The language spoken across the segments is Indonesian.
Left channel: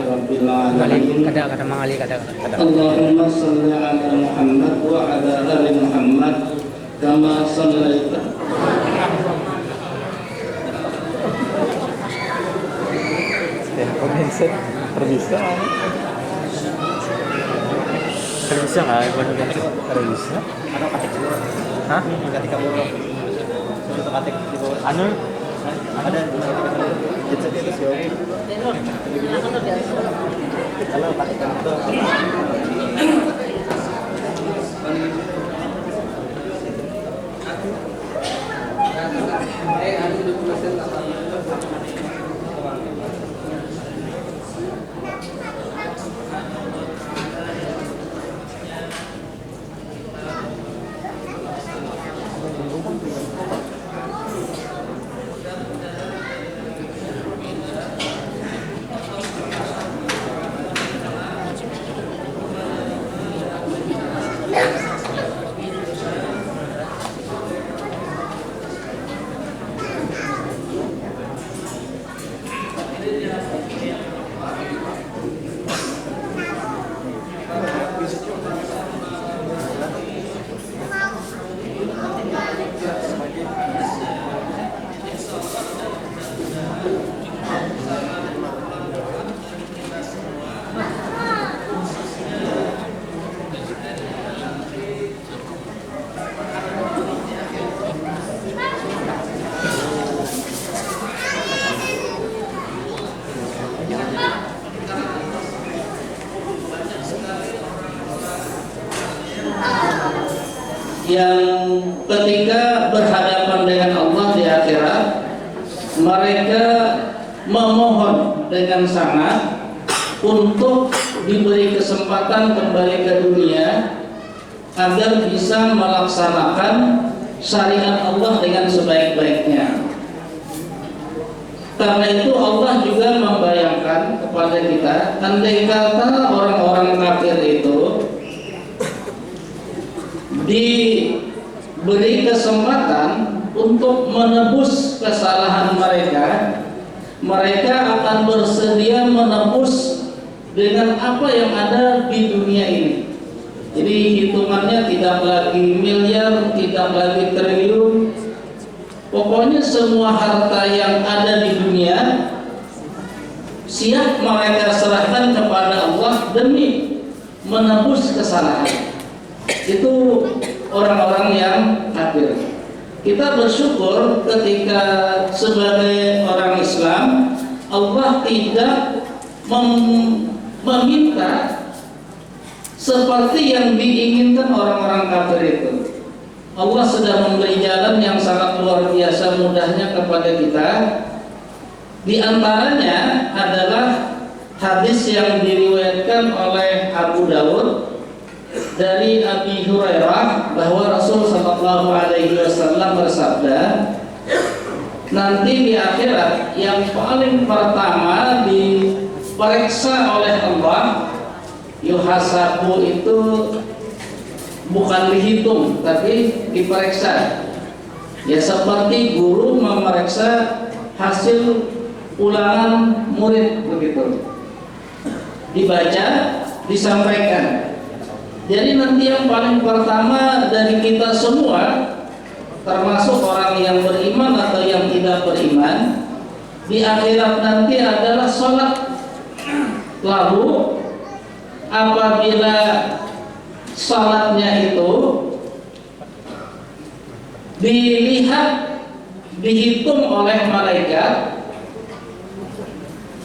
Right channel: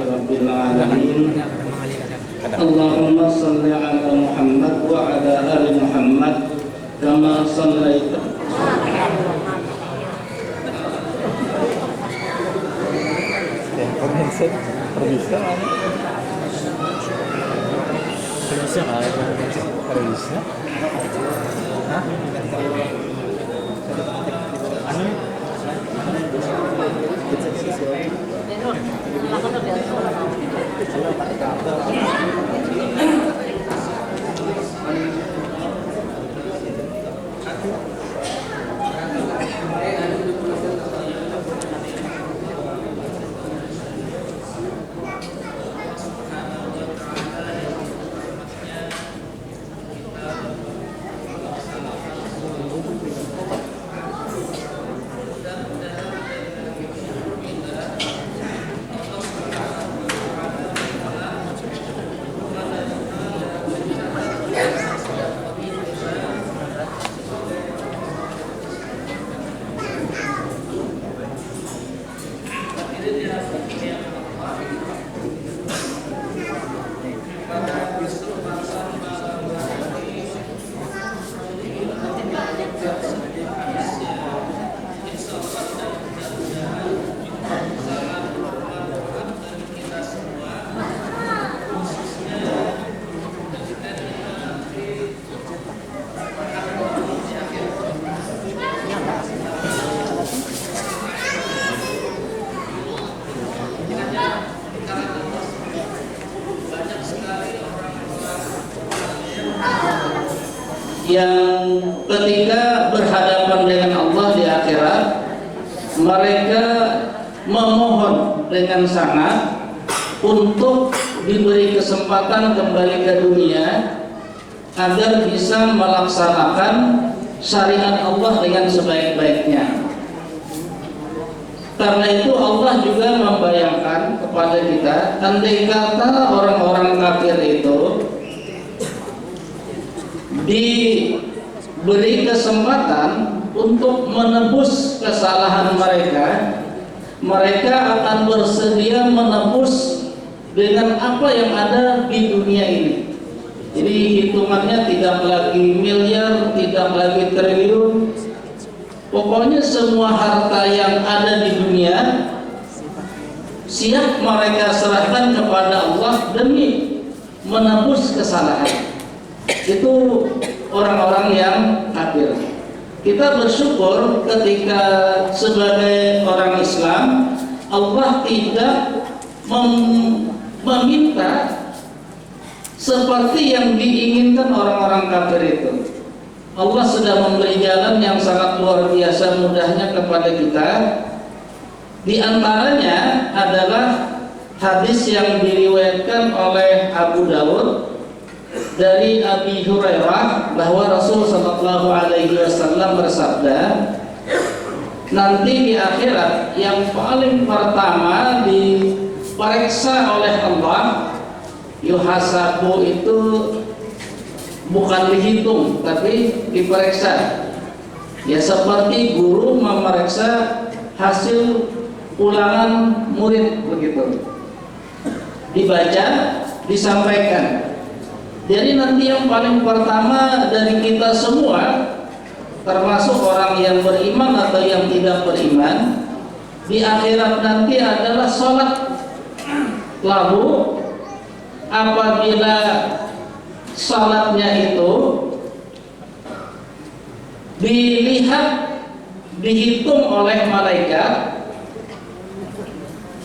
rabbil alamin. Kata Mang Ali kata. Allahumma shalli ala Muhammad wa ala ali Muhammad kama shallaita. Ya, pemirsa terbisa kan? Terbisa? Hah? Anu? Yang ketika berhadapan dengan Allah di akhirat, mereka memohon dengan sangat untuk diberi kesempatan kembali ke dunia agar bisa melaksanakan syariat Allah dengan sebaik-baiknya. Karena itu Allah juga membayangkan kepada kita, andai kata orang-orang kafir itu diberi kesempatan untuk menebus kesalahan mereka, mereka akan bersedia menebus dengan apa yang ada di dunia ini. Jadi hitungannya tidak lagi miliar, tidak lagi triliun, pokoknya semua harta yang ada di dunia siap mereka serahkan kepada Allah demi menebus kesalahan. Itu orang-orang yang kafir. Kita bersyukur ketika sebagai orang Islam Allah tidak meminta seperti yang diinginkan orang-orang kafir itu. Allah sudah memberi jalan yang sangat luar biasa mudahnya kepada kita. Di antaranya adalah hadis yang diriwayatkan oleh Abu Dawud dari Abi Hurairah bahwa Rasul sallallahu alaihi wasallam bersabda, nanti di akhirat yang paling pertama diperiksa oleh Allah, yuhasabu itu bukan dihitung tapi diperiksa. Ya seperti guru memeriksa hasil ulangan murid begitu. Dibaca, disampaikan. Jadi nanti yang paling pertama dari kita semua, termasuk orang yang beriman atau yang tidak beriman, di akhirat nanti adalah sholat. Lalu apabila sholatnya itu dilihat, dihitung oleh malaikat,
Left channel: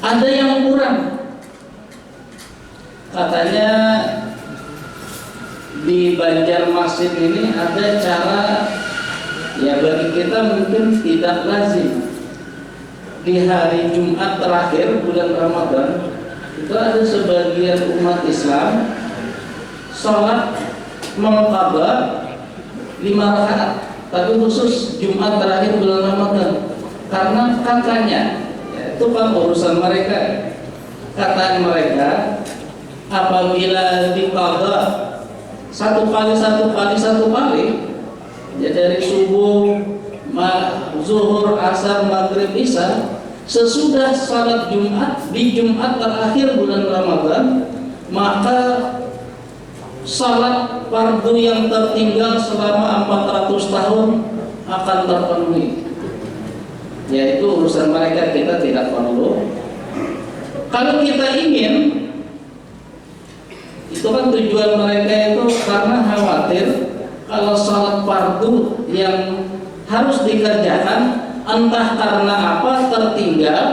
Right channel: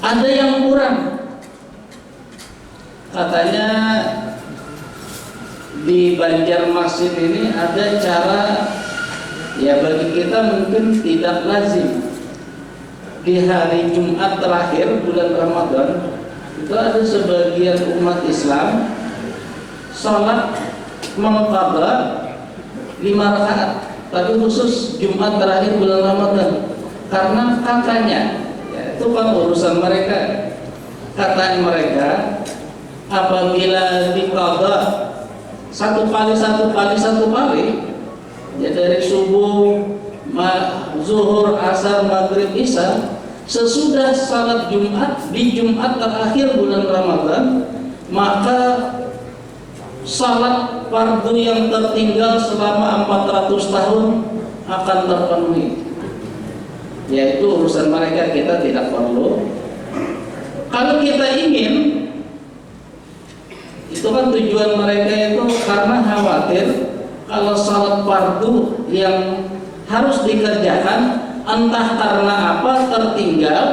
ada yang kurang. Katanya di Banjarmasin ini ada cara, ya bagi kita mungkin tidak lazim, di hari Jumat terakhir bulan Ramadan itu ada sebagian umat Islam sholat mengqadha 5 rakaat, tapi khusus Jumat terakhir bulan Ramadan karena katanya, ya, itu kan urusan mereka. Kata mereka, apabila diqadha satu kali, ya dari subuh, zuhur, asar, maghrib, isya, sesudah salat Jumat di Jumat terakhir bulan Ramadan, maka salat fardu yang tertinggal selama 400 tahun akan terpenuhi. Yaitu urusan mereka, kita tidak perlu. Kalau kita ingin, itu kan tujuan mereka itu karena khawatir kalau salat fardu yang harus dikerjakan entah karena apa tertinggal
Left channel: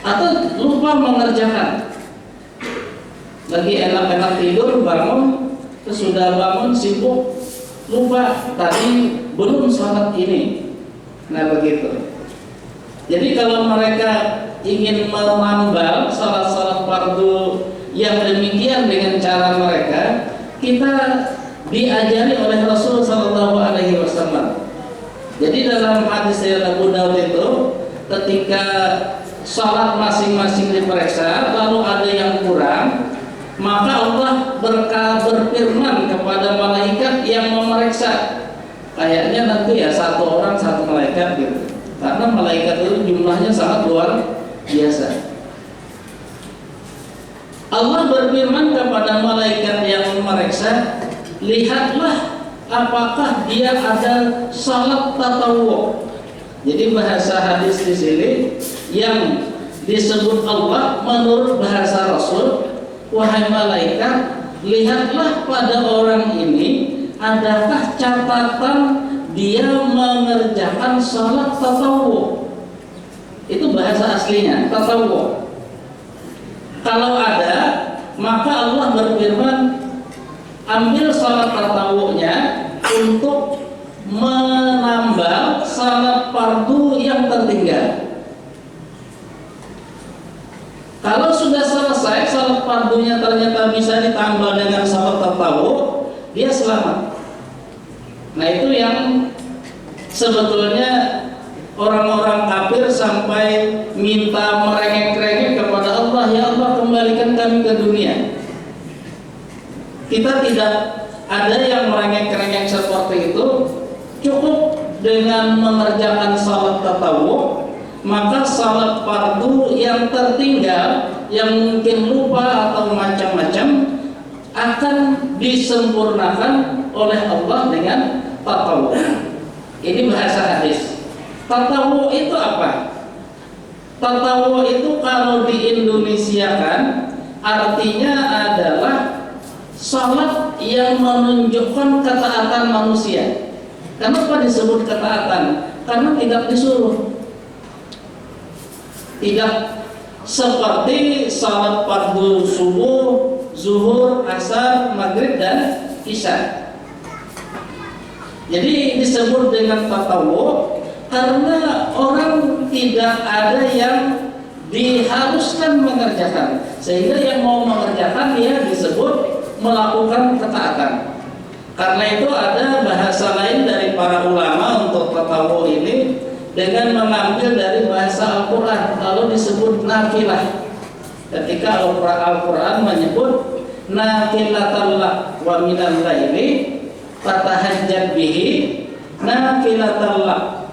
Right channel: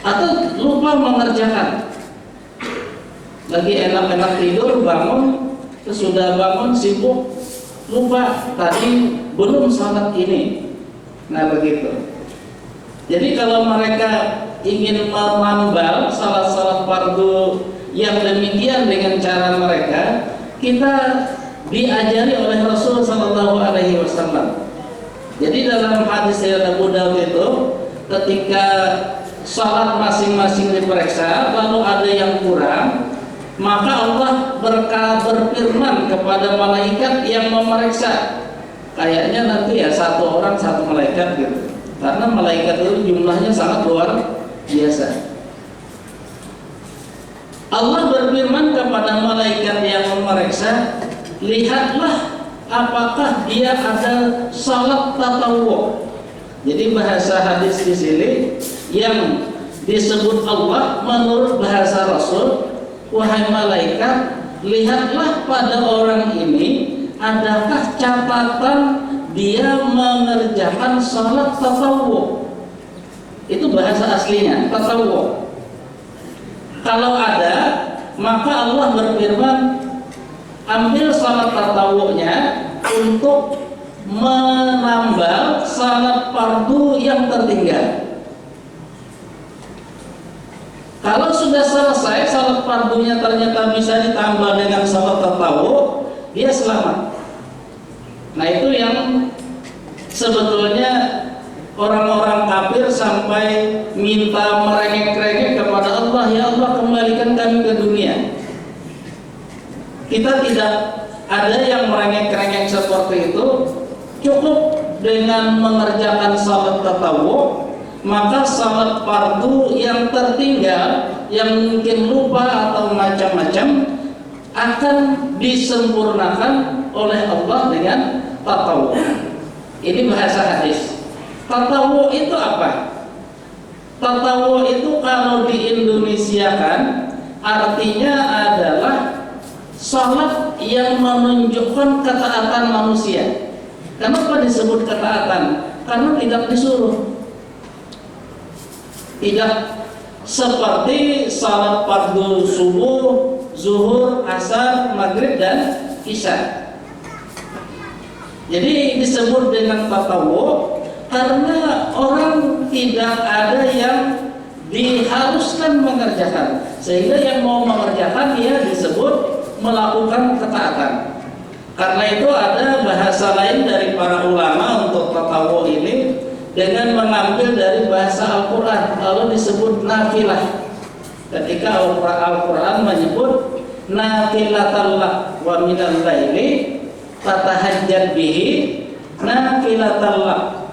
atau lupa mengerjakan. Lagi enak-enak tidur, bangun, sesudah bangun sibuk, lupa tadi belum salat ini. Nah begitu. Jadi kalau mereka ingin menambal salat-salat fardu yang demikian dengan cara mereka, kita diajari oleh Rasul Sallallahu Alaihi Wasallam. Jadi dalam hadis dari Abu Daud itu, ketika salat masing-masing diperiksa, lalu ada yang kurang, maka Allah berfirman kepada malaikat yang memeriksa. Kayaknya nanti ya satu orang satu malaikat gitu. Karena malaikat itu jumlahnya sangat luar biasa. Allah berfirman kepada malaikat yang memeriksa, lihatlah apakah dia ada salat tatawwu. Jadi bahasa hadis di sini yang disebut Allah menurut bahasa Rasul, wahai malaikat, lihatlah pada orang ini adakah catatan dia mengerjakan salat tatawwu. Itu bahasa aslinya, tatawwu. Kalau ada, maka Allah berfirman, ambil salat tatawunya untuk menambal salat fardu yang tertinggal. Kalau sudah selesai salat fardunya ternyata bisa ditambah dengan salat tatawu, dia selamat. Nah itu yang sebetulnya orang-orang kafir sampai minta merengek-rengek kepada Allah, ya Allah kembalikan kami ke dunia. Kita tidak ada yang merengek-rengek seperti itu. Cukup dengan mengerjakan salat tatawu, maka salat fardu yang tertinggal, yang mungkin lupa atau macam-macam, akan disempurnakan oleh Allah dengan tatawu. Ini bahasa hadis. Tatawu itu apa? Tatawu itu kalau diindonesiakan artinya adalah salat yang menunjukkan ketaatan manusia. Kenapa disebut ketaatan? Karena tidak disuruh. Tidak seperti salat fardu subuh, zuhur, asar, maghrib dan isya. Jadi disebut dengan tatawu karena orang tidak ada yang diharuskan mengerjakan, sehingga yang mau mengerjakan dia disebut melakukan ketaatan. Karena itu ada bahasa lain dari para ulama untuk tatawu ini dengan mengambil dari bahasa Al-Quran, lalu disebut nafilah. Ketika Al-Quran menyebut nafilatallak wa minal laili fatahajjad bihi nafilatallak.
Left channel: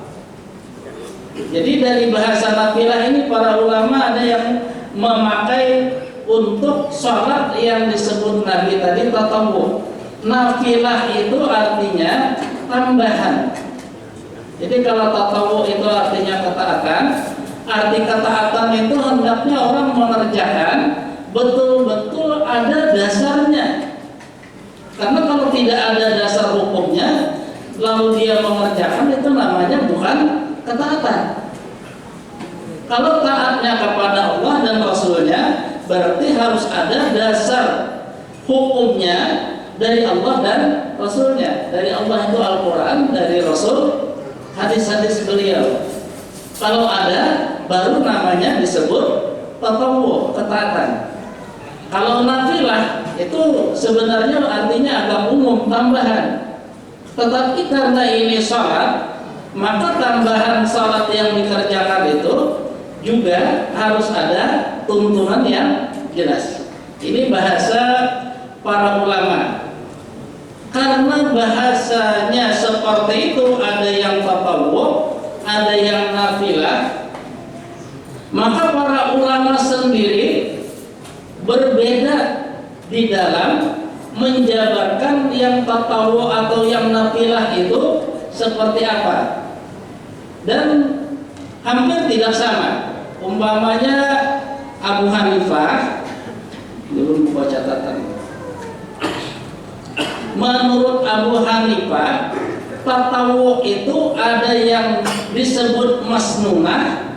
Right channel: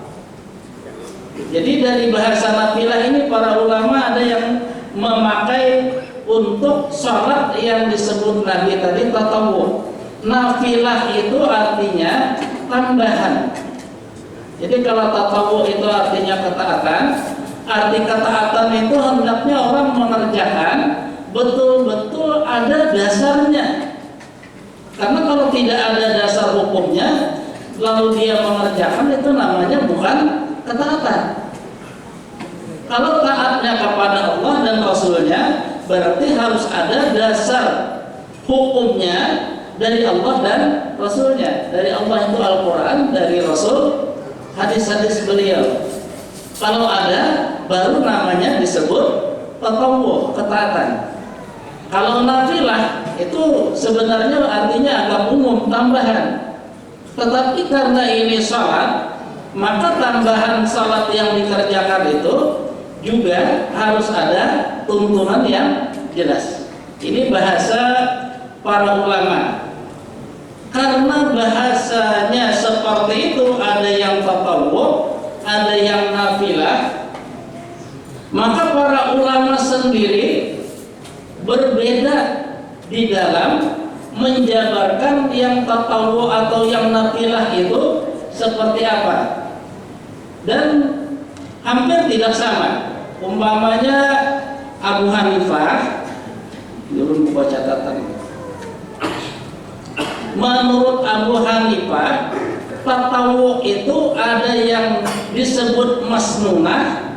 Jadi dari bahasa nafilah ini para ulama ada yang memakai untuk sholat yang disebut Nabi tadi tatawu. Nafilah itu artinya tambahan. Jadi kalau tatawu itu artinya ketaatan, arti ketaatan itu hendaknya orang mengerjakan betul-betul ada dasarnya. Karena kalau tidak ada dasar hukumnya, lalu dia mengerjakan, itu namanya bukan ketaatan. Kalau taatnya kepada Allah dan Rasulnya, berarti harus ada dasar hukumnya dari Allah dan Rasulnya. Dari Allah itu Al-Quran, dari Rasul hadis-hadis beliau. Kalau ada, baru namanya disebut tatawu, ketaatan. Kalau nafilah itu sebenarnya artinya agak umum, tambahan. Tetapi karena ini salat, maka tambahan salat yang dikerjakan itu juga harus ada tuntunan yang jelas. Ini bahasa para ulama. Karena bahasanya seperti itu, ada yang tatawu, ada yang nafilah, Maka para ulama sendiri berbeda di dalam menjabarkan yang tatawu atau yang nafilah itu seperti apa, dan hampir tidak sama. Umpamanya Abu Hanifah, dulu buat catatan. Menurut Abu Hanifah, tatawu itu ada yang disebut masnunah,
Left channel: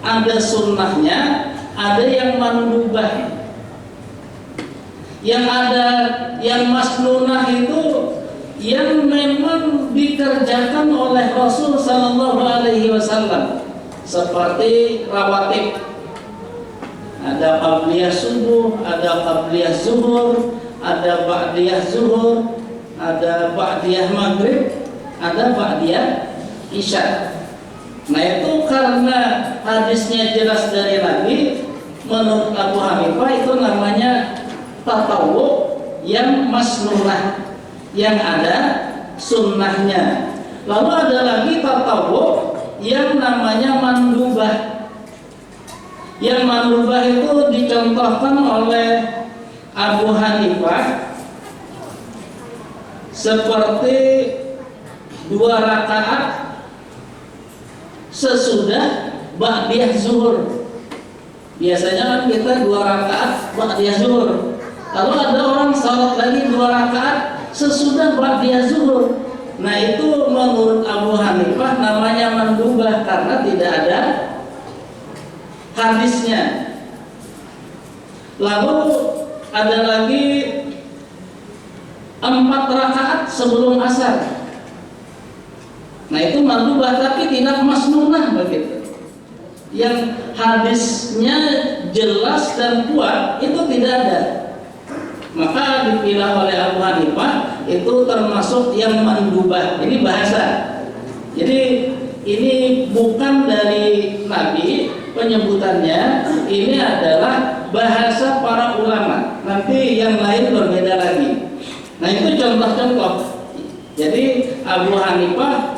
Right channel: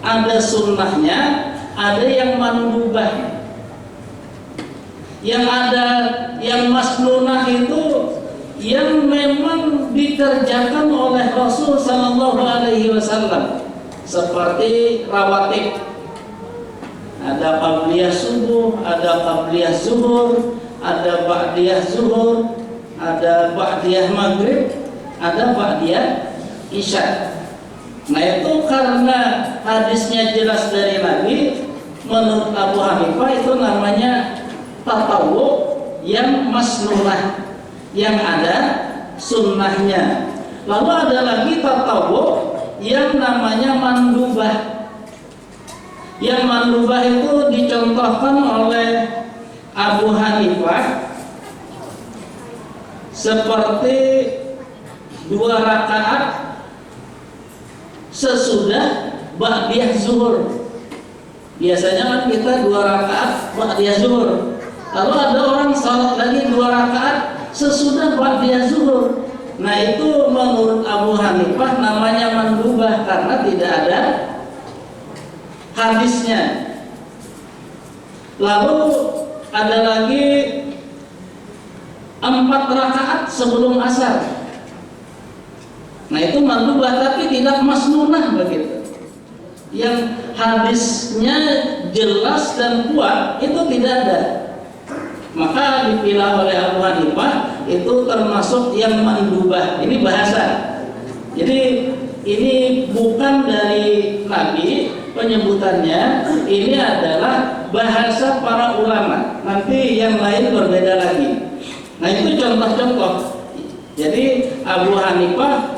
ada sunnahnya, ada yang mandubah. Yang masnunah itu yang memang dikerjakan oleh Rasul Sallallahu Alaihi Wasallam, seperti rawatib. Ada qabliyah subuh, ada qabliyah zuhur, ada ba'diyah zuhur, ada ba'diyah maghrib, ada ba'diyah isya. Nah itu karena hadisnya jelas dari Nabi, menurut Abu Hanifah itu namanya tatawu yang masnunah, yang ada sunnahnya. Lalu ada lagi tatawu yang namanya mandubah. Yang mandubah itu dicontohkan oleh Abu Hanifah seperti 2 rakaat sesudah ba'diyah zuhur. Biasanya kan kita 2 rakaat ba'diyah zuhur. Lalu ada orang salat lagi 2 rakaat sesudah ba'diyah zuhur. Nah itu menurut Abu Hanifah namanya mandubah karena tidak ada hadisnya. Lalu ada lagi 4 rakaat sebelum asar. Nah itu mandubah tapi tidak masnunah begitu. Yang hadisnya jelas dan kuat itu tidak ada. Maka dipilah oleh Abu Hanifah itu termasuk yang mandubah. Ini bahasa. Jadi ini bukan dari Nabi penyebutannya, ini adalah bahasa para ulama. Nanti yang lain berbeda lagi. Nah itu contoh-contoh. Jadi Abu Hanifah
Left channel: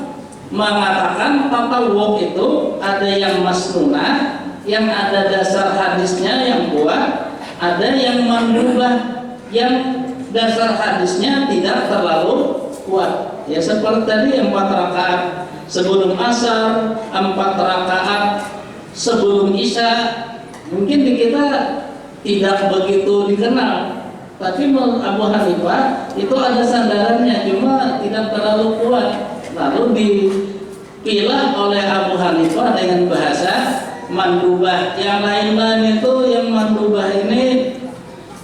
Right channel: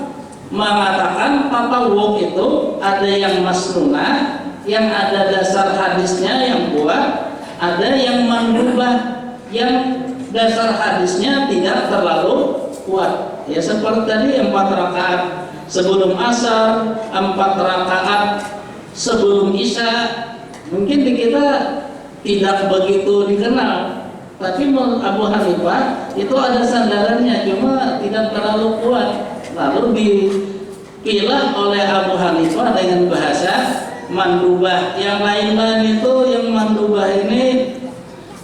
mengatakan tatawu itu ada yang masnunah, yang ada dasar hadisnya yang kuat, ada yang mandubah yang dasar hadisnya tidak terlalu kuat. Ya seperti tadi 4 rakaat sebelum asar, 4 rakaat sebelum isya. Mungkin di kita tidak begitu dikenal, tapi menurut Abu Hanifah itu ada sandarannya, cuma tidak terlalu kuat. Lalu dipilah oleh Abu Hanifah dengan bahasa mandubah. Yang lain-lain itu yang mandubah ini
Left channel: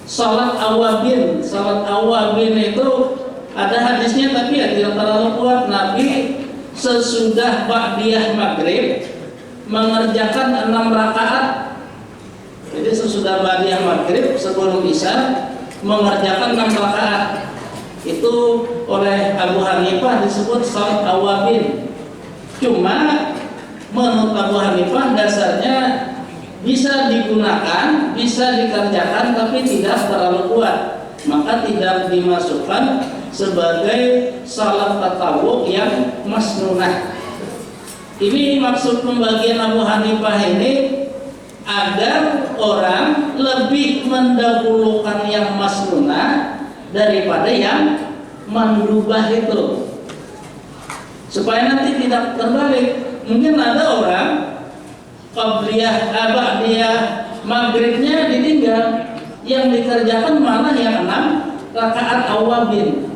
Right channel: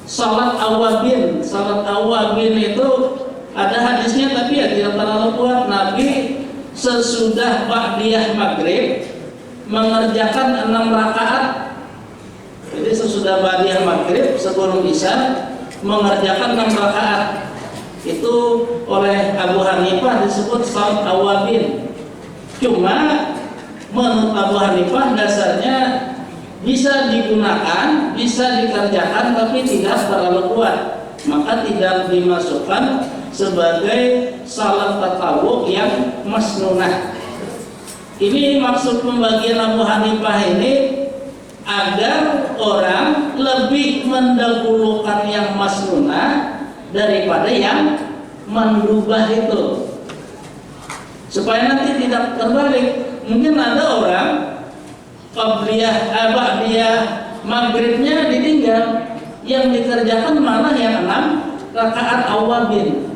salat awabin. Salat awabin itu ada hadisnya tapi ya tidak terlalu kuat. Nabi sesudah ba'diyah maghrib mengerjakan 6 rakaat. Jadi sesudah ba'diyah maghrib sebelum isya mengerjakan 6 rakaat. Itu oleh Abu Hanifah disebut salat awabin. Cuma menurut Abu Hanifah dasarnya bisa digunakan, bisa dikerjakan tapi tidak terlalu kuat. Maka tidak dimasukkan sebagai salat tatawu yang masnunah. Ini maksud pembagian Abu Hanifah ini agar orang lebih mendahulukan yang masnunah daripada yang mandubah itu, supaya nanti tidak terbalik. Mungkin ada orang qabliyah ba'diyah maghribnya ditinggal, yang dikerjakan malah yang 6 rakaat awabin.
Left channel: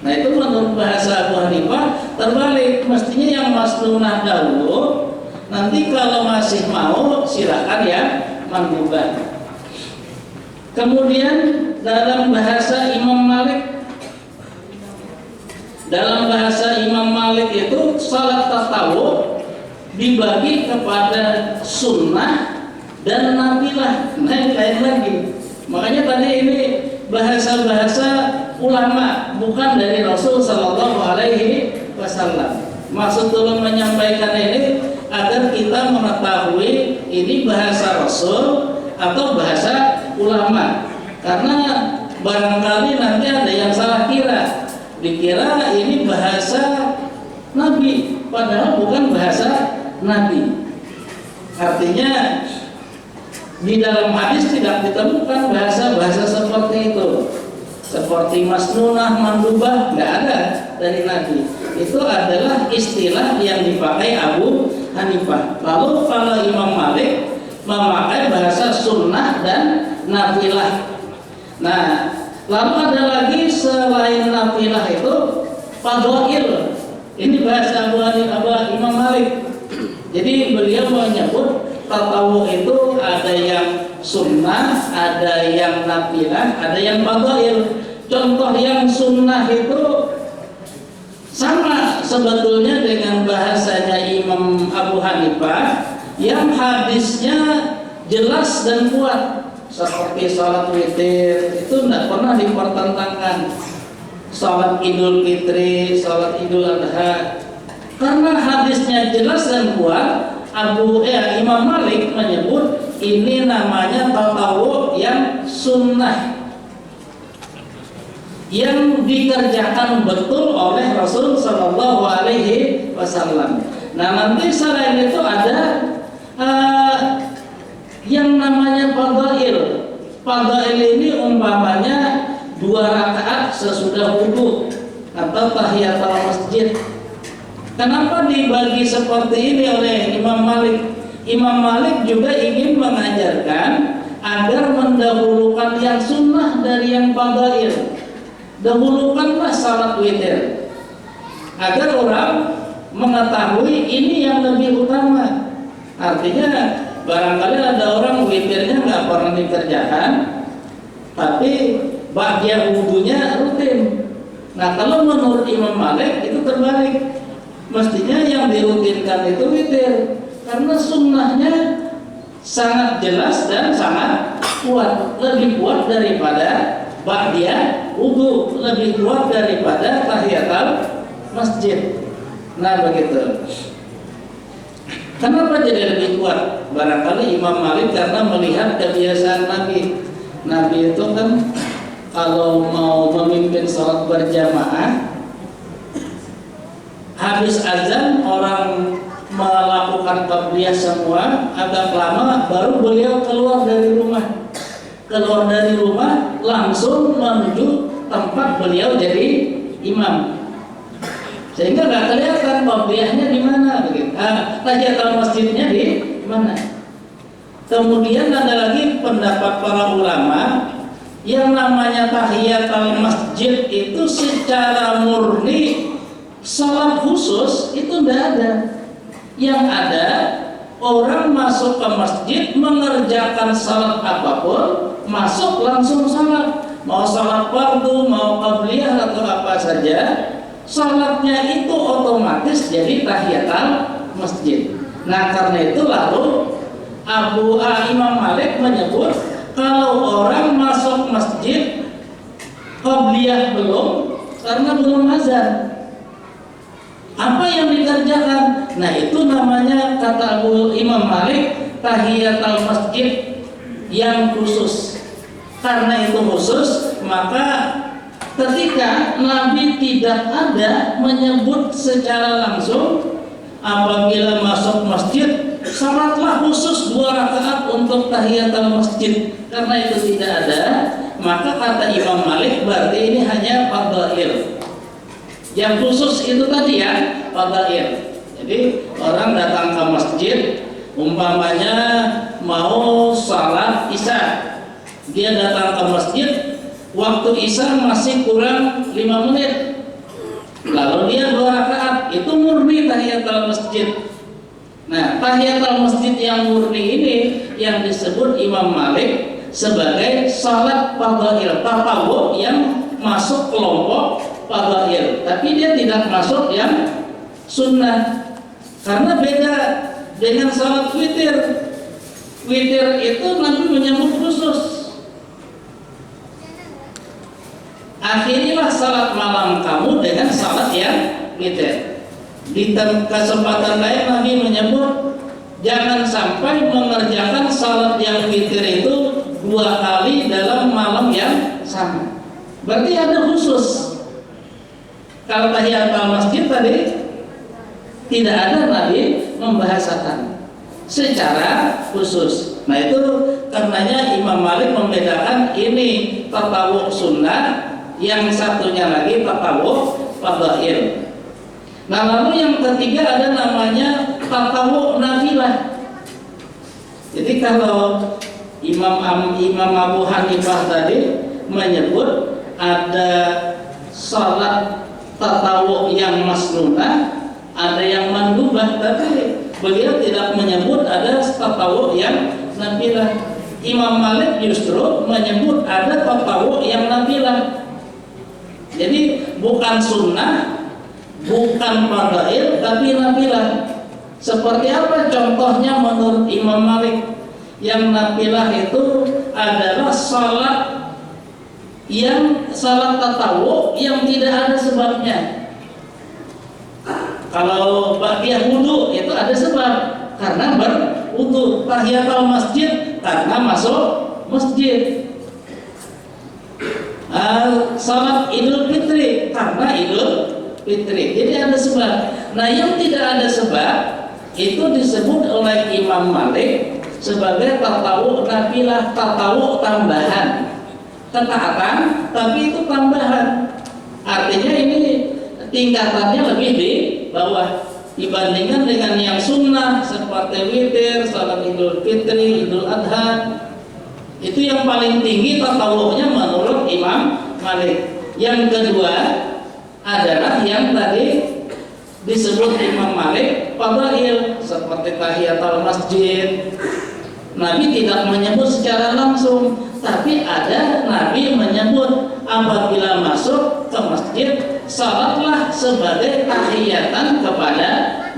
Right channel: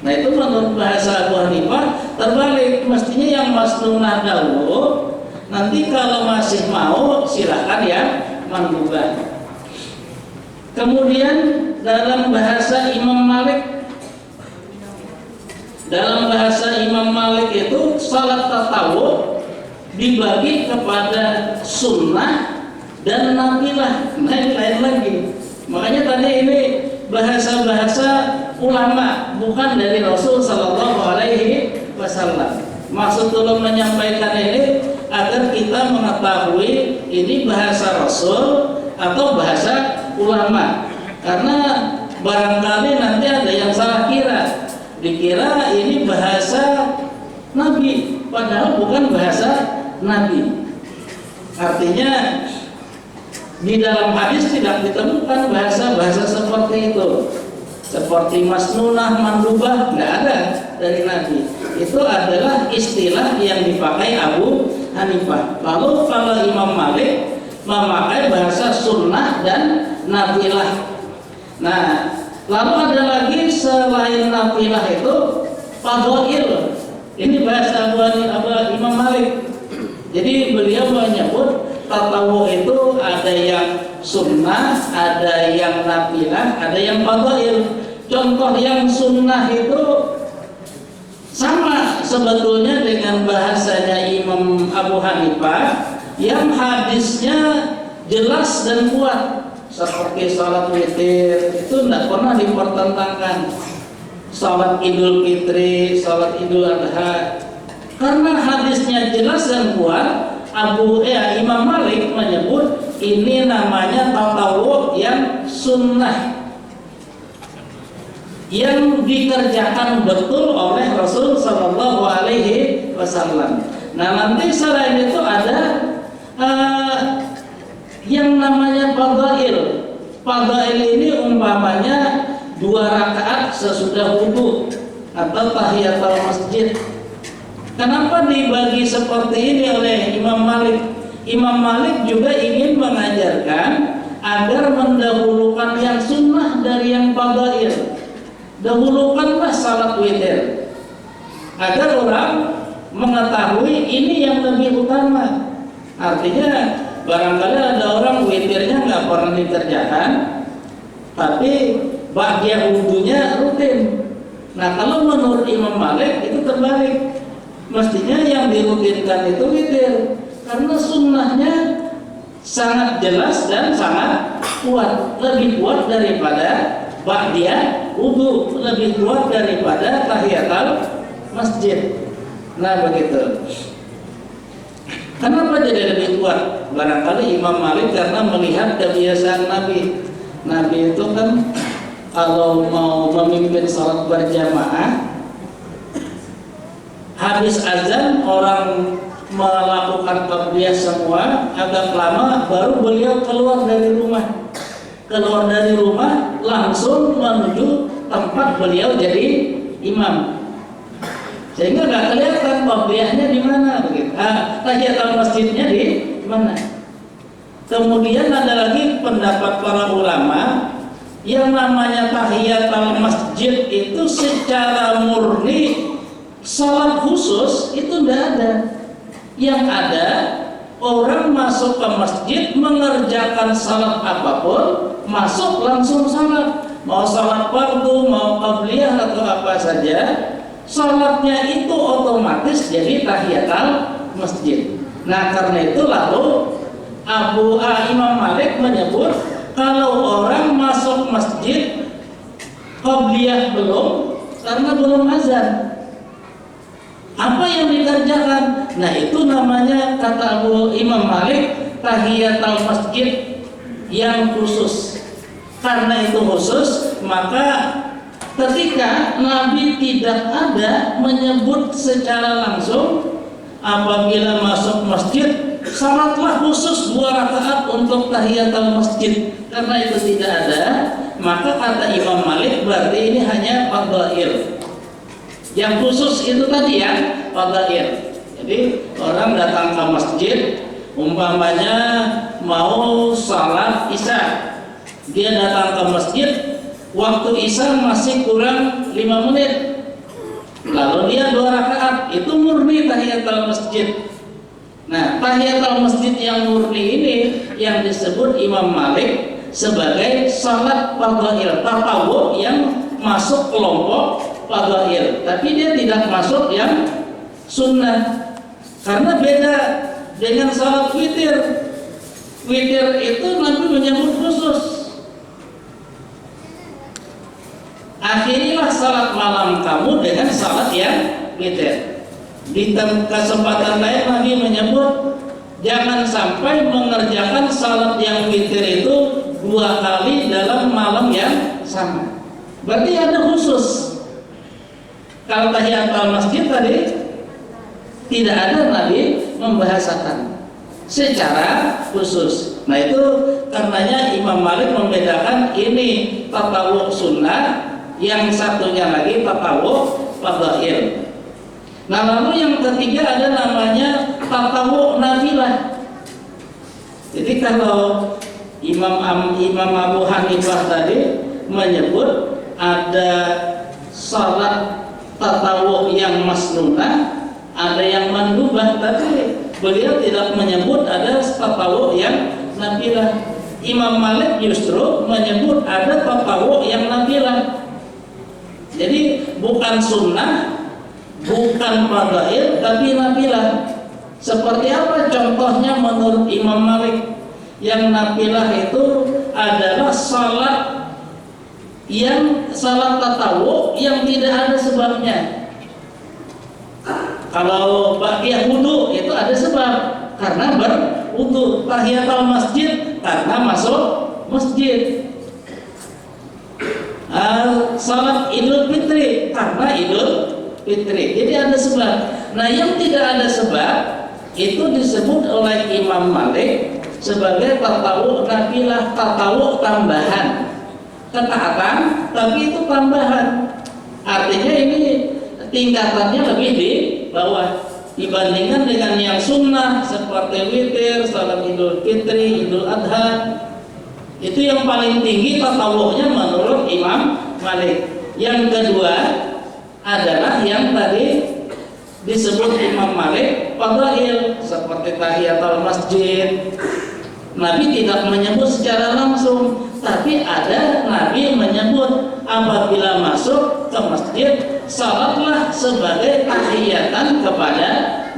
Nah itu menurut bahasa Abu Hanifah terbalik, mestinya yang masnunah dahulu, nanti kalau masih mau silakan ya mandubah. Kemudian dalam bahasa Imam Malik itu salat tatawu dibagi kepada sunnah dan nafilah. Nah ini lain lagi. Makanya tadi ini bahasa-bahasa ulama, bukan dari Rasul Sallallahu Alaihi Wasallam. Maksud tolong menyampaikan ini agar kita mengetahui ini bahasa Rasul atau bahasa ulama, karena barangkali nanti ada yang salah kira, dikira ini bahasa Nabi, padahal bukan bahasa Nabi. Artinya Di dalam hadis tidak ditemukan bahasa-bahasa seperti itu, seperti masnunah, mandubah, nggak ada dari Nabi. Itu adalah istilah yang dipakai Abu Hanifah. Lalu kalau Imam Malik memakai bahasa sunnah dan nafilah. Nah, lalu ada lagi selain nafilah itu fadhail. Ini bahasa Imam Malik. Jadi beliau menyebut tatawu itu ada yang sunnah, ada yang nafilah, ada yang fadhail. Contoh yang sunnah itu sama sebetulnya dengan bahasanya Imam Abu Hanifah yang hadisnya jelas dan kuat, seperti salat witir itu tidak pernah dipertentangkan. Salat Idul Fitri, salat Idul Adha, karena hadisnya jelas dan kuat. Imam Malik menyebut ini namanya tatawu yang sunnah, yang dikerjakan betul oleh Rasul Shallallahu Alaihi Wasallam. Nah, nanti selain itu ada yang namanya fadhail. Fadhail ini umpamanya 2 rakaat sesudah wudu atau tahiyatul masjid. Kenapa dibagi seperti ini oleh Imam Malik? Imam Malik juga ingin mengajarkan agar mendahulukan yang sunnah dari yang fadhail. Dahulukanlah salat witir agar orang mengetahui ini yang lebih utama. Artinya barangkali ada orang witirnya nggak pernah dikerjakan, tapi bagian wudunya rutin. Nah, kalau menurut Imam Malik itu terbalik. Mestinya yang dirutinkan itu witir, karena sunnahnya sangat jelas dan sangat kuat, lebih kuat daripada ba'diyah wudu, lebih kuat daripada tahiyatul masjid. Nah, begitu. Kenapa jadi lebih kuat? Barangkali Imam Malik karena melihat kebiasaan Nabi. Nabi itu kan kalau mau memimpin sholat berjamaah, habis azan orang melakukan qabliyah semua, agak lama baru beliau keluar dari rumah. Keluar dari rumah langsung menuju tempat beliau jadi imam. Sehingga nggak kelihatan qabliyahnya di mana begitu. Tahiyatul masjidnya di mana. Kemudian ada lagi pendapat para ulama yang namanya tahiyatul masjid itu secara murni salat khusus itu tidak ada. Yang ada orang masuk ke masjid mengerjakan salat apapun, masuk langsung salat. Mau salat fardu, mau qabliyah atau apa saja, salatnya itu otomatis jadi tahiyatul masjid. Nah, karena itu lalu Imam Malik menyebut kalau orang masuk masjid qabliyah belum, karena belum azan, apa yang dikerjakan? Nah, itu namanya kata Imam Malik tahiyatul masjid yang khusus. Karena itu khusus, maka ketika Nabi tidak ada menyebut secara langsung apabila masuk masjid salatlah khusus 2 rakaat untuk tahiyatul masjid, karena itu tidak ada, maka kata Imam Malik berarti ini hanya fadhail. Yang khusus itu tadi ya, fadhail. Jadi orang datang ke masjid, umpamanya mau salat isya, dia datang ke masjid, waktu isya masih kurang 5 menit, lalu dia 2 rakaat, itu murni tahiyatul masjid. Nah, tahiyatul masjid yang murni ini yang disebut Imam Malik sebagai salat fadhail, tatawu yang masuk kelompok fadhail, tapi dia tidak masuk yang sunnah. Karena beda dengan salat witir. Witir itu Nabi menyebut khusus. Akhirilah salat malam kamu dengan salat yang witir. Di kesempatan lain Nabi menyebut jangan sampai mengerjakan salat yang witir itu 2 kali dalam malam yang sama. Berarti ada khusus. Kalau tahiyatul masjid tadi tidak ada Nabi membahasakan secara khusus. Nah itu karenanya Imam Malik membedakan ini tatawuk sunnah, yang satunya lagi tatawuk fadhail. Nah lalu yang ketiga ada namanya tatawuk nafilah. Jadi kalau Imam Abu Hanifah tadi menyebut ada salat tatawuk yang masnunah, ada yang mandubah, tapi beliau tidak menyebut ada tatawuk yang nafilah. Imam Malik justru menyebut ada tatawuk yang nafilah. Jadi bukan sunnah, bukan fadhail, tapi nafilah. Seperti apa contohnya menurut Imam Malik? Yang nafilah itu adalah salat tatawuk yang tidak ada sebabnya. Kalau ba'diyah wudu itu ada sebab, karena berwudu. Tahiyatul masjid karena masuk masjid. Salat Idul Fitri karena Idul Fitri. Jadi ada sebab. Nah yang tidak ada sebab itu disebut oleh Imam Malik sebagai tatawuk nafilah, tatawuk tambahan. Ketaatan tapi itu tambahan. Artinya ini tingkatannya lebih di bawah dibandingkan dengan yang sunnah seperti witir, salat Idul Fitri, Idul Adha. Itu yang paling tinggi tatawuknya menurut Imam Malik. Yang kedua adalah yang tadi disebut Imam Malik fadhail, seperti tahiyatul masjid. Nabi tidak menyebut secara langsung, tapi ada Nabi menyebut apabila masuk ke masjid, salatlah sebagai tahiyatan kepada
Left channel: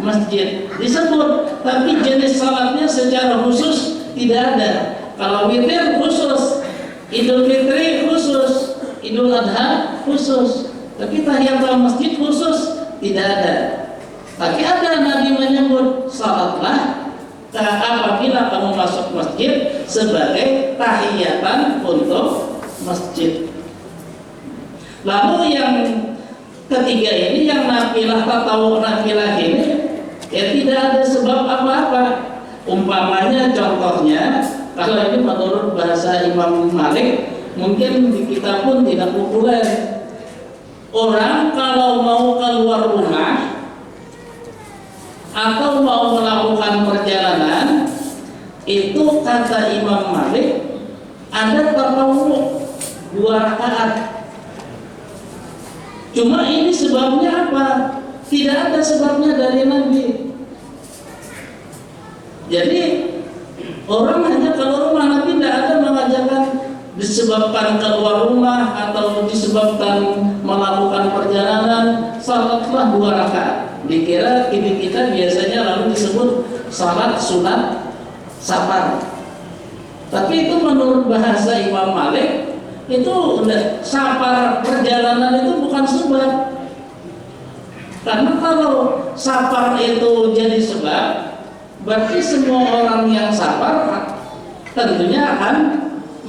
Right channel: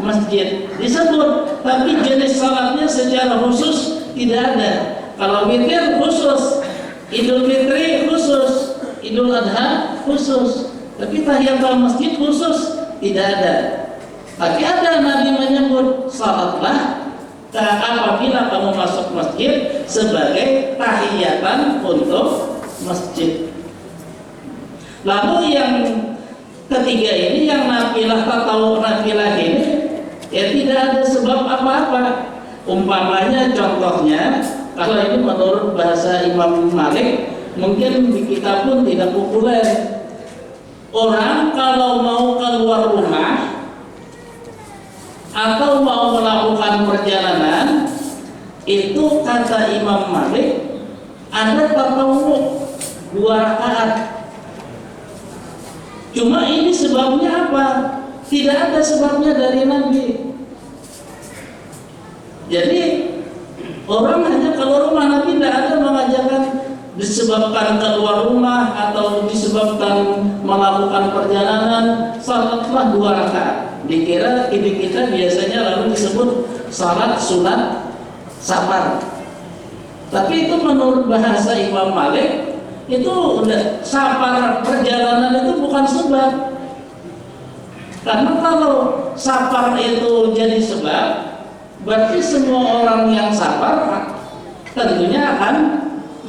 masjid. Disebut, tapi jenis salatnya secara khusus tidak ada. Kalau witir khusus, Idul Fitri khusus, Idul Adha khusus, tapi tahiyatul masjid khusus tidak ada. Tapi ada Nabi menyebut salatlah apabila kamu masuk masjid sebagai tahiyatan untuk masjid. Lalu yang ketiga ini, yang nafilah, tatawuk nafilah ini ya tidak ada sebab apa-apa. Umpamanya contohnya, kalau ini menurut bahasa Imam Malik, mungkin di kita pun tidak populer. Orang kalau mau keluar rumah atau mau melakukan perjalanan, itu kata Imam Malik ada tatawuk 2 rakaat. Cuma ini sebabnya apa? Tidak ada sebabnya dari Nabi. Jadi orang hanya keluar rumah, Nabi tidak ada mengajarkan disebabkan keluar rumah atau disebabkan melakukan perjalanan salatlah 2 rakaat. Dikira ini kita biasanya lalu disebut salat sunat safar. Tapi itu menurut bahasa Imam Malik itu safar, perjalanan itu bukan sebab. Karena kalau safar itu jadi sebab, berarti semua orang yang safar tentunya akan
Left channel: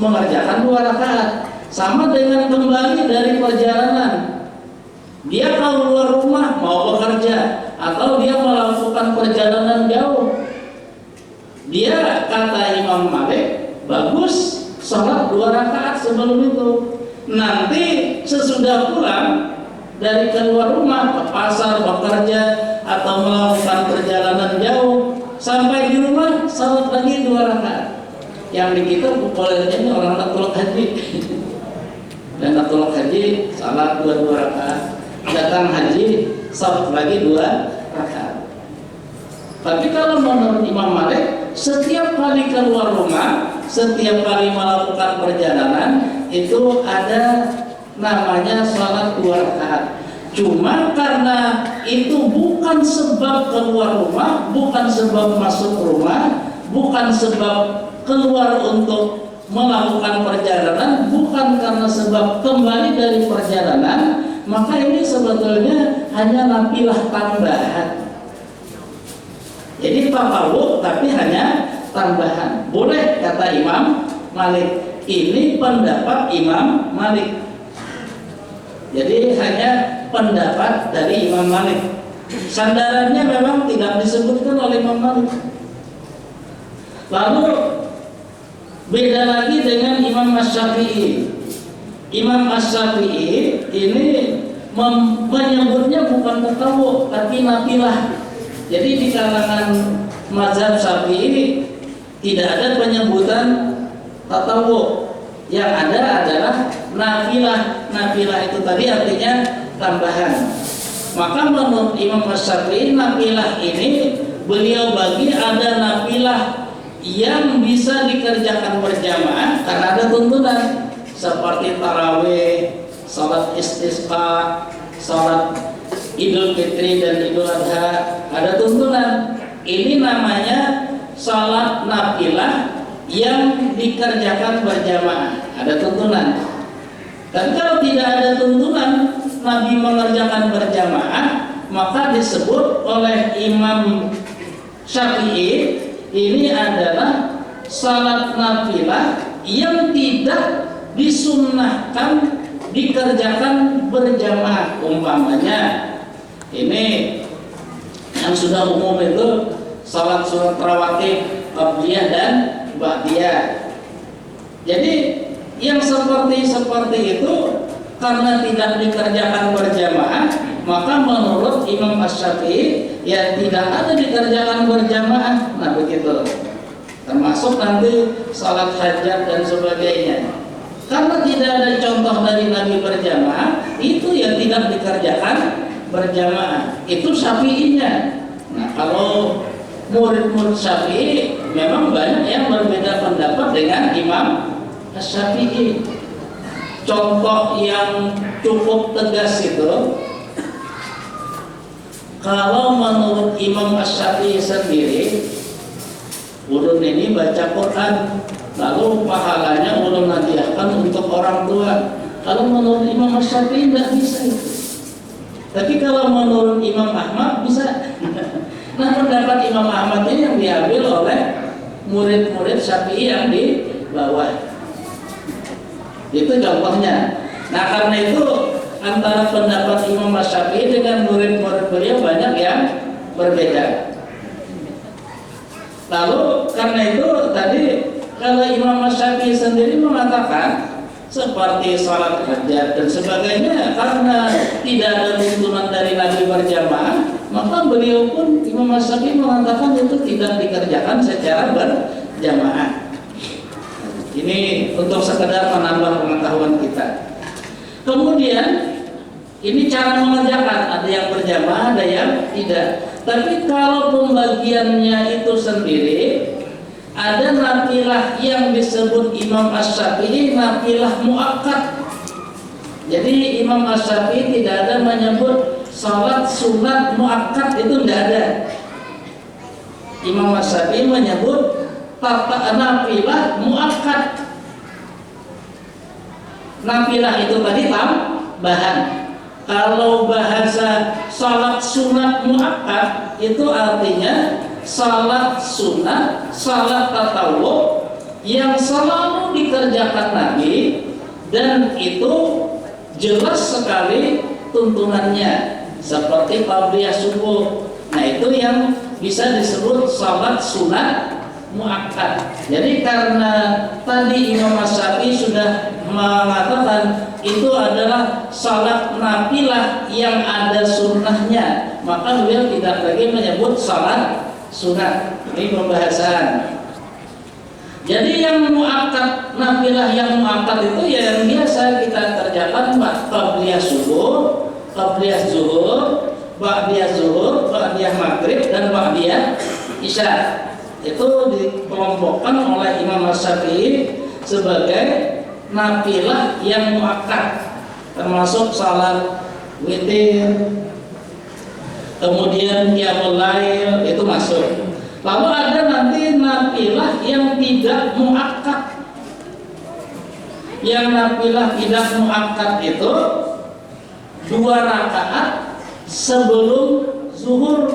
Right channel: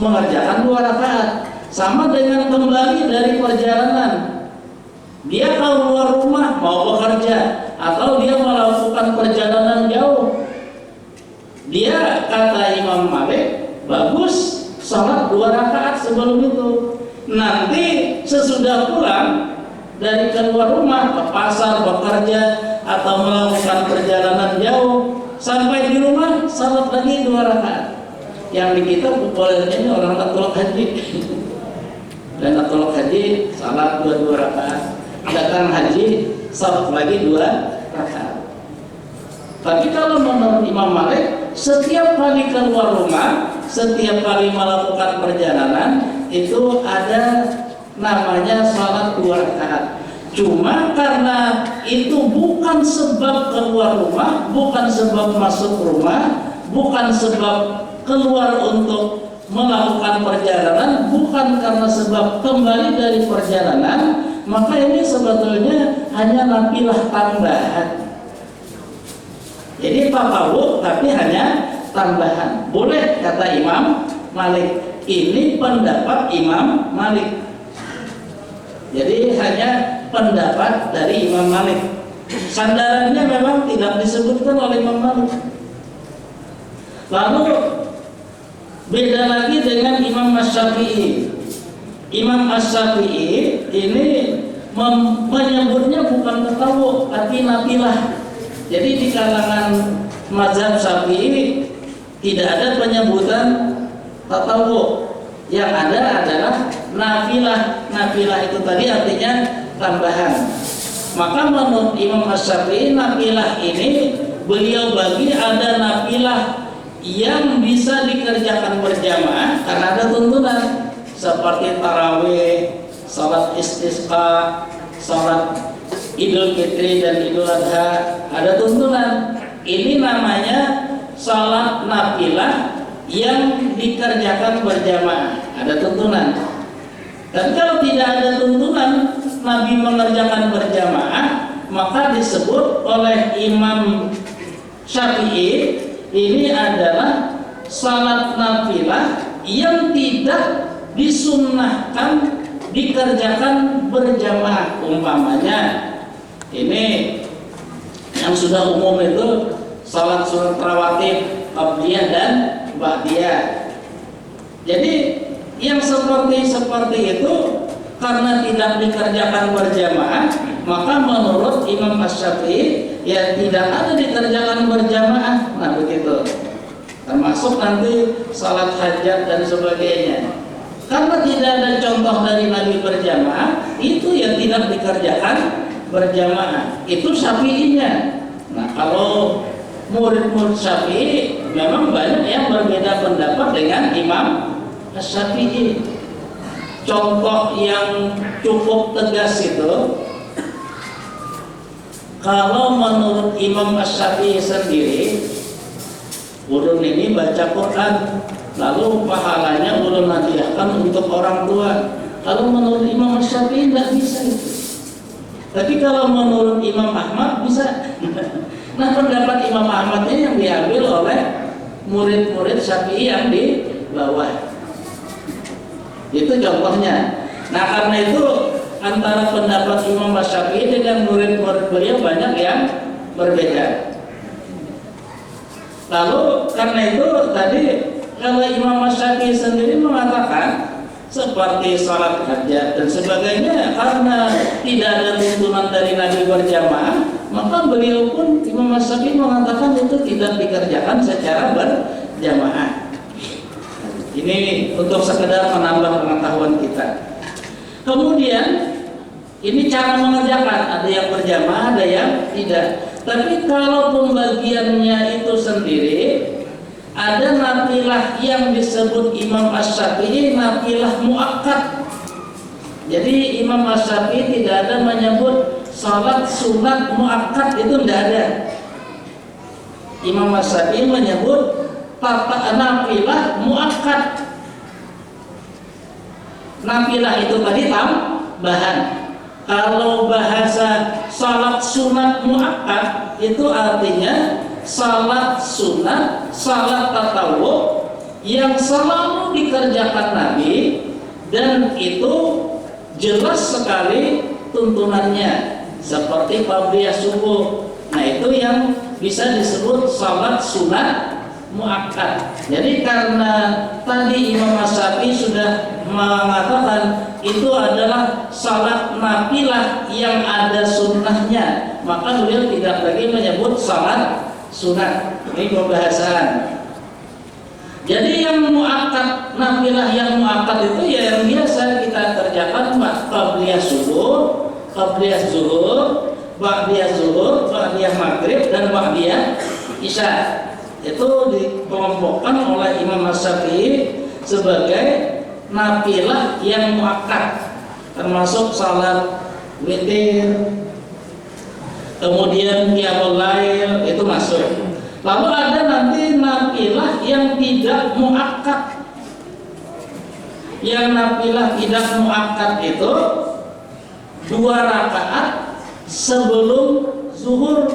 mengerjakan 2 rakaat. Sama dengan kembali dari perjalanan. Dia kalau keluar rumah mau bekerja atau dia melakukan perjalanan jauh, dia kata Imam Malik bagus sholat 2 rakaat sebelum itu. Nanti sesudah pulang dari keluar rumah ke pasar bekerja atau melakukan perjalanan jauh, sampai di rumah sholat lagi 2 rakaat. Yang di kita populernya ini orang Natul Haji. Dan Natul Haji sholat 2 rakaat. Datang haji sholat lagi 2 rakaat. Tapi kalau menurut Imam Malik, setiap kali keluar rumah, setiap kali melakukan perjalanan itu ada namanya sholat 2 rakaat. Cuma karena itu bukan sebab keluar rumah, bukan sebab masuk rumah, bukan sebab keluar untuk melakukan perjalanan, bukan karena sebab kembali dari perjalanan, maka ini sebetulnya hanya nafilah tambahan. Jadi tatawuk tapi hanya tambahan. Boleh kata Imam Malik. Ini pendapat Imam Malik. Jadi hanya pendapat dari Imam Malik. Sandarannya memang tidak disebutkan oleh Imam Malik. Lalu Beda lagi dengan Imam Asy-Syafi'i. Imam Asy-Syafi'i ini menyebutnya bukan tatawwu tapi nafilah. Jadi di kalangan mazhab Syafi'i tidak ada penyebutan tatawwu. Yang ada adalah nafilah. Nafilah itu tadi artinya tambahan. Maka menurut Imam Asy-Syafi'i nafilah ini beliau bagi ada nafilah yang bisa dikerjakan berjamaah karena ada tuntunan seperti tarawih, salat istisqa, salat Idul Fitri dan Idul Adha, ada tuntunan. Ini namanya salat nafilah yang dikerjakan berjamaah, ada tuntunan. Dan kalau tidak ada tuntunan Nabi mengerjakan berjamaah, maka disebut oleh Imam Syafi'i ini adalah salat nafilah yang tidak disunnahkan dikerjakan berjamaah. Umpamanya ini yang sudah umum itu salat sunat rawatib, qabliyah dan ba'diyah. Jadi yang seperti itu karena tidak dikerjakan berjamaah, maka menurut Imam Asy-Syafi'i ya tidak ada dikerjakan berjamaah. Nah begitu. Termasuk nanti salat hajat dan sebagainya. Karena tidak ada contoh dari Nabi berjamaah, itu ya tidak dikerjakan berjamaah. Itu Syafi'inya. Nah kalau murid-murid Syafi'i memang banyak yang berbeda pendapat dengan Imam Asy-Syafi'i. Contoh yang cukup tegas itu, kalau menurut Imam Asy-Syafi'i sendiri, ulun ini baca Quran, lalu pahalanya ulun hadiahkan untuk orang tua. Kalau menurut Imam Asy-Syafi'i tidak bisa itu. Tapi kalau menurut Imam Ahmad bisa. Nah pendapat Imam Ahmad ini yang diambil oleh murid-murid Syafi'i yang di bawah. Itu contohnya. Nah karena itu antara pendapat Imam Asy-Syafi'i dengan murid-murid beliau banyak yang berbeda. Lalu karena itu tadi kalau Imam Asy-Syafi'i sendiri mengatakan seperti salat hajat dan sebagainya karena tidak ada tuntunan dari Nabi berjamaah, maka beliau pun Imam Asy-Syafi'i mengatakan itu tidak dikerjakan secara berjamaah. Ini untuk sekedar menambah pengetahuan kita. Kemudian ini cara mengerjakan, ada yang berjamaah, ada yang tidak. Tapi kalau pembagiannya itu sendiri, ada nafilah yang disebut Imam Asy-Syafi'i nafilah muakkad. Jadi Imam Asy-Syafi'i tidak ada menyebut salat sunat muakkad, itu tidak ada. Imam Asy-Syafi'i menyebut nafilah muakkad. Nafilah itu tadi tambahan. Kalau bahasa salat sunat muakkad itu artinya salat sunat, salat tatawwu yang selalu dikerjakan Nabi dan itu jelas sekali tuntunannya seperti qabliyah subuh. Nah itu yang bisa disebut salat sunat muakkad. Jadi karena tadi Imam Asy-Syafi'i sudah mengatakan itu adalah salat nafilah yang ada sunnahnya, maka beliau tidak lagi menyebut salat sunat. Ini pembahasan. Jadi yang muakkad, nafilah yang muakkad itu ya yang biasa kita kerjakan qabliyah subuh, qabliyah zuhur, ba'diyah zuhur, ba'diyah maghrib dan ba'diyah isya. Itu dikelompokkan oleh Imam Asy-Syafi'i sebagai nafilah yang muakkad, termasuk salat witir, kemudian qiyamul lail itu masuk. Lalu ada nanti nafilah yang tidak muakkad. Yang nafilah tidak muakkad itu 2 rakaat sebelum zuhur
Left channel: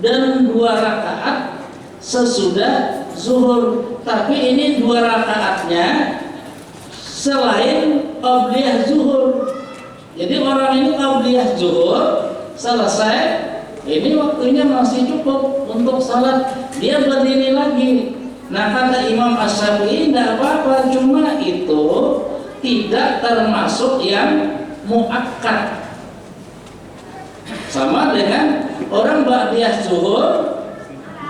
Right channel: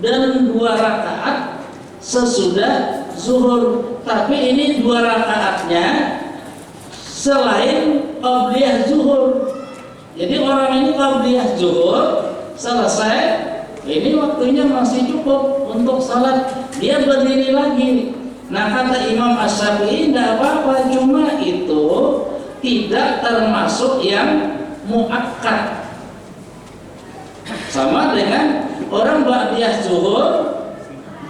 dan 2 rakaat sesudah zuhur. Tapi ini 2 rakaatnya selain qabliyah zuhur. Jadi orang ini qabliyah zuhur selesai, ini waktunya masih cukup untuk salat, dia berdiri lagi. Nah kata Imam Asy-Syafi'i tidak apa-apa, cuma itu tidak termasuk yang muakkad. Sama dengan orang ba'diyah zuhur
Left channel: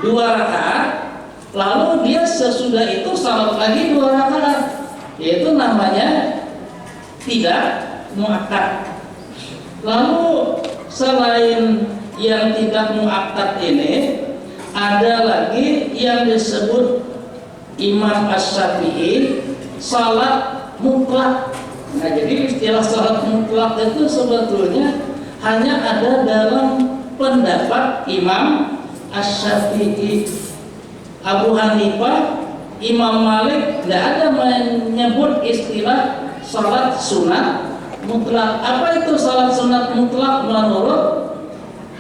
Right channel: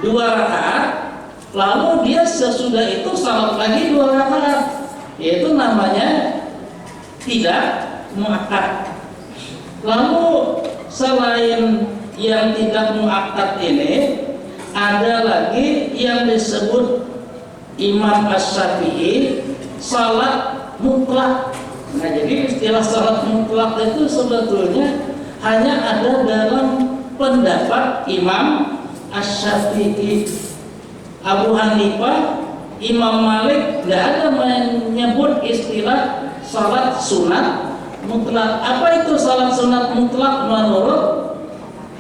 2 rakaat, lalu dia sesudah itu salat lagi 2 rakaat, yaitu namanya tidak muakkad. Lalu selain yang tidak muakkad ini, ada lagi yang disebut Imam Asy-Syafi'i salat mutlak. Nah, jadi istilah salat mutlak itu sebetulnya hanya ada dalam pendapat Imam Asy-Syafi'i. Abu Hanifah, Imam Malik tidak ada menyebut istilah salat sunat mutlak. Apa itu salat sunat mutlak menurut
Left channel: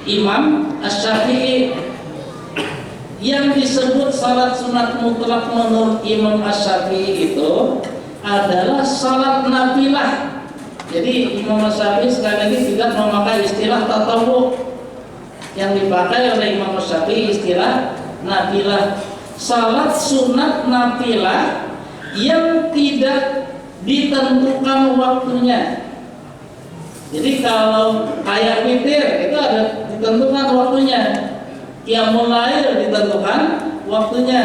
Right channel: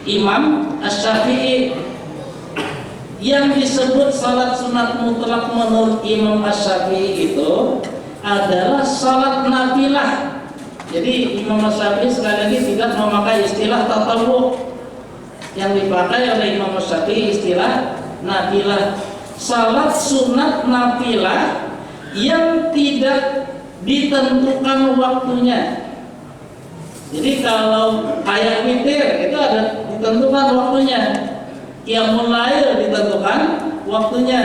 Imam Asy-Syafi'i? Yang disebut salat sunat mutlak menurut Imam Asy-Syafi'i itu adalah salat nafilah. Jadi Imam Asy-Syafi'i sekali lagi tidak memakai istilah tatawwu. Yang dipakai oleh Imam Asy-Syafi'i istilah nafilah. Salat sunat nafilah yang tidak ditentukan waktunya. Jadi kalau kayak witir itu ada ditentukan waktunya. Qiyamul lail ditentukan waktunya.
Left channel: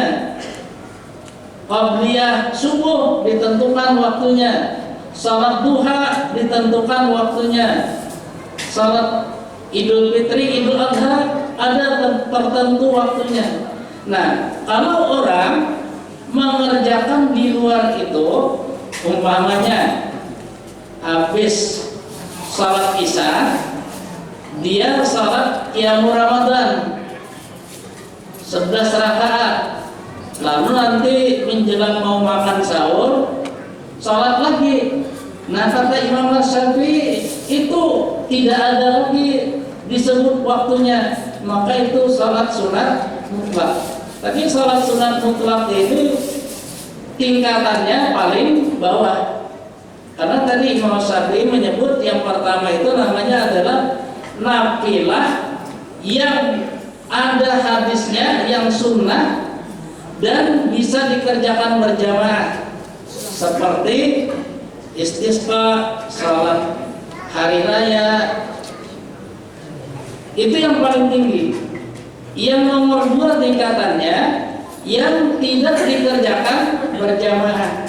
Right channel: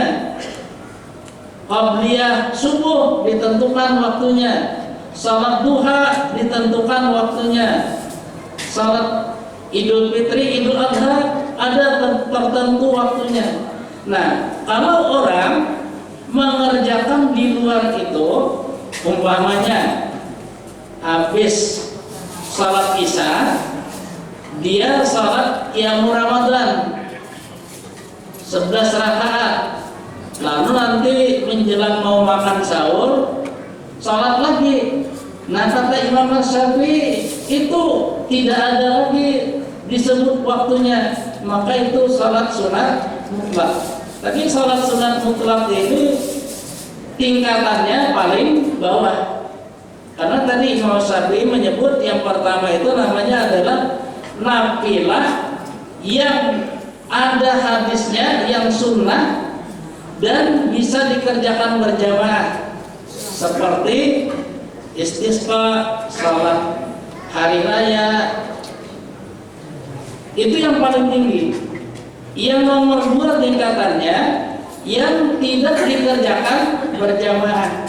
Qabliyah subuh ditentukan waktunya. Salat duha ditentukan waktunya. Salat Idul Fitri, Idul Adha ada tertentu waktunya. Nah, kalau orang mengerjakan di luar itu, umpamanya habis salat Isya, dia salat Qiyamul Ramadan 11 rakaat, lalu nanti menjelang mau makan sahur salat lagi. Nah kata Imam Asy-Syafi'i itu tidak ada lagi disebut waktunya, maka itu salat sunat mutlak. Tapi salat sunat mutlak itu tingkatannya paling bawah, karena tadi Imam Asy-Syafi'i menyebut yang pertama itu namanya adalah nafilah yang ada hadisnya, yang sunnah dan bisa dikerjakan berjamaah, seperti istisqa, salat hari raya. Itu yang paling tinggi. Yang nomor 2 tingkatannya yang tidak dikerjakan berjamaah.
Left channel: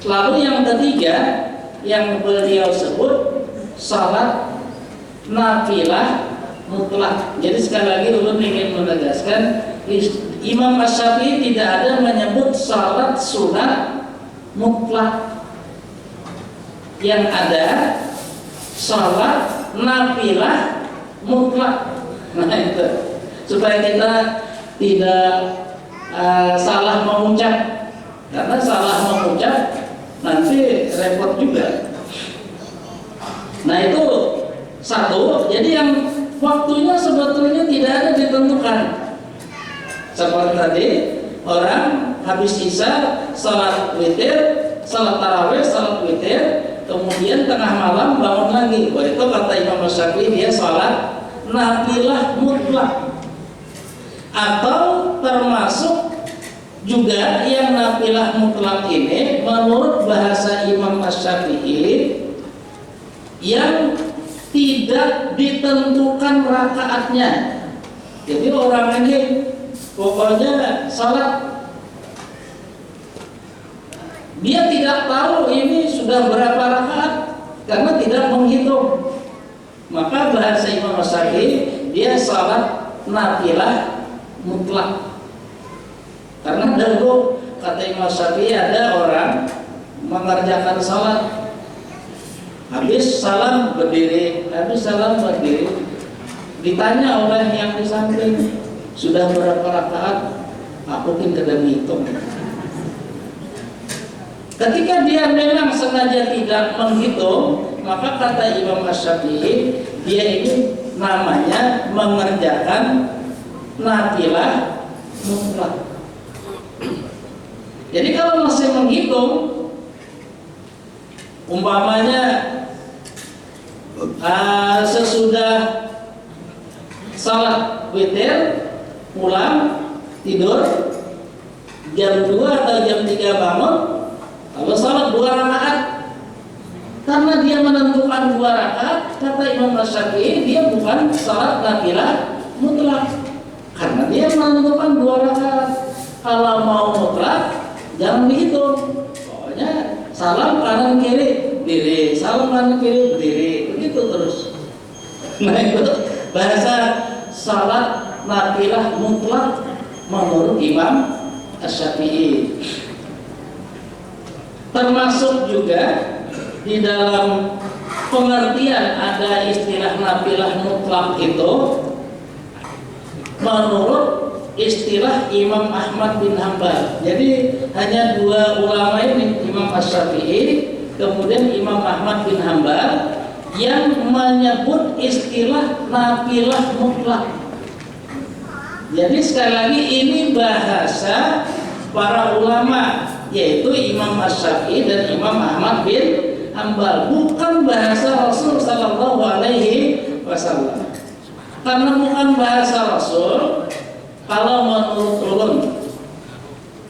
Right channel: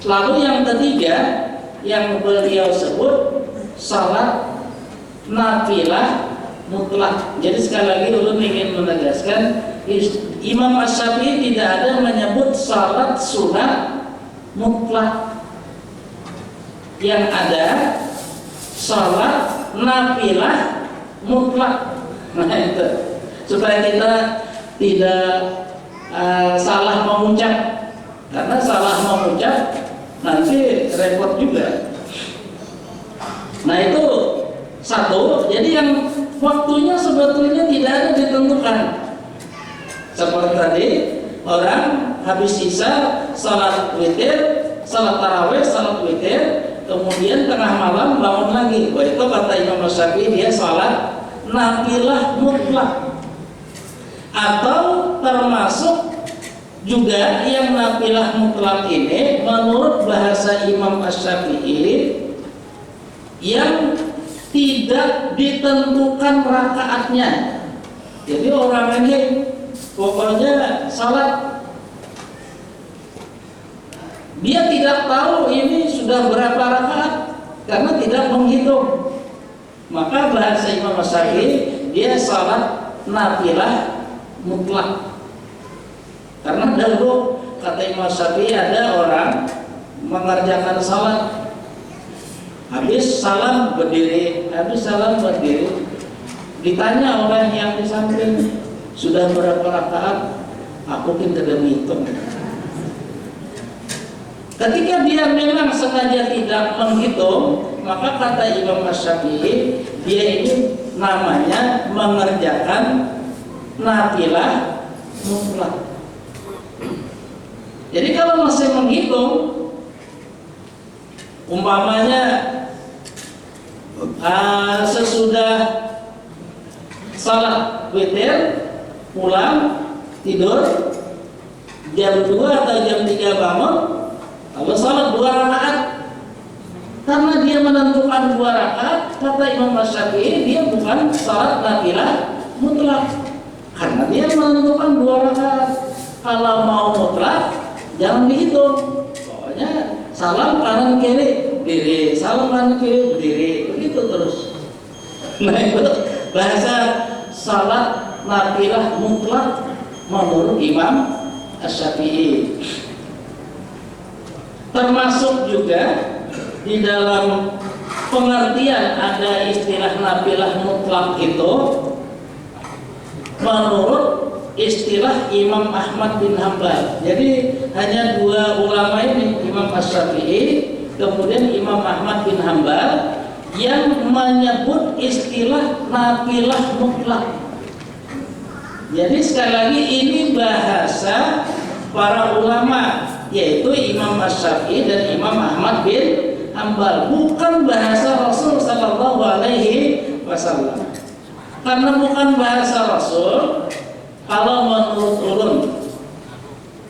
Lalu yang ketiga yang beliau sebut salat nafilah mutlak. Jadi sekali lagi ulun ingin menegaskan, Imam Asy-Syafi'i tidak ada menyebut salat sunat mutlak. Yang ada salat nafilah mutlak. Nah itu supaya kita tidak salah mengucap, karena salah mengucap nanti repot juga. Nah itu satu. Jadi yang waktunya sebetulnya tidak ada ditentukan. Seperti tadi orang habis Isya salat witir, salat tarawih, salat witir, kemudian tengah malam bangun lagi. Wah itu kata Imam Asy-Syafi'i dia salat nafilah mutlak. Atau termasuk juga yang nafilah mutlak ini menurut bahasa Imam Asy-Syafi'i yang tidak ditentukan rakaatnya. Jadi orang ini pokoknya salat, dia tidak tahu ini sudah berapa rakaat karena tidak menghitung. Maka bahasa Imam Asy-Syafi'i dia salat nafilah mutlak. Karena dahulu kata Imam Asy-Syafi'i ada orang mengerjakan salat, habis salam berdiri, ditanya oleh yang di samping, sudah berapa rakaat? Aku tidak menghitung. Ketika dia memang sengaja tidak menghitung, maka kata Imam Asy-Syafi'i dia ini namanya mengerjakan nafilah mutlak. Jadi kalau masih menghitung, umpamanya sesudah salat witir pulang tidur, jam 2 atau jam 3 bangun, lalu salat 2 rakaat. Karena dia menentukan 2 rakaat, kata Imam Syafi'i, dia bukan salat nafilah mutlak. Karena dia menentukan 2 rakaat. Kalau mau mutlak, jangan dihitung. Pokoknya salam kanan kiri berdiri, salam kanan kiri berdiri, begitu terus. Nah itu bahasa salat nafilah mutlak menurut Imam Syafi'i. Termasuk juga di dalam pengertian ada istilah nafilah mutlak itu menurut istilah Imam Ahmad bin Hanbal. Jadi hanya 2 ulama ini, Imam Syafi'i kemudian Imam Ahmad bin Hanbal, yang menyebut istilah nafilah mutlak. Jadi sekali lagi ini bahasa para ulama, yaitu Imam Syafi'i dan Imam Ahmad bin Hanbal, bukan bahasa Rasul sallallahu alaihi wasallam. Karena bukan bahasa Rasul, kalau menurut ulun,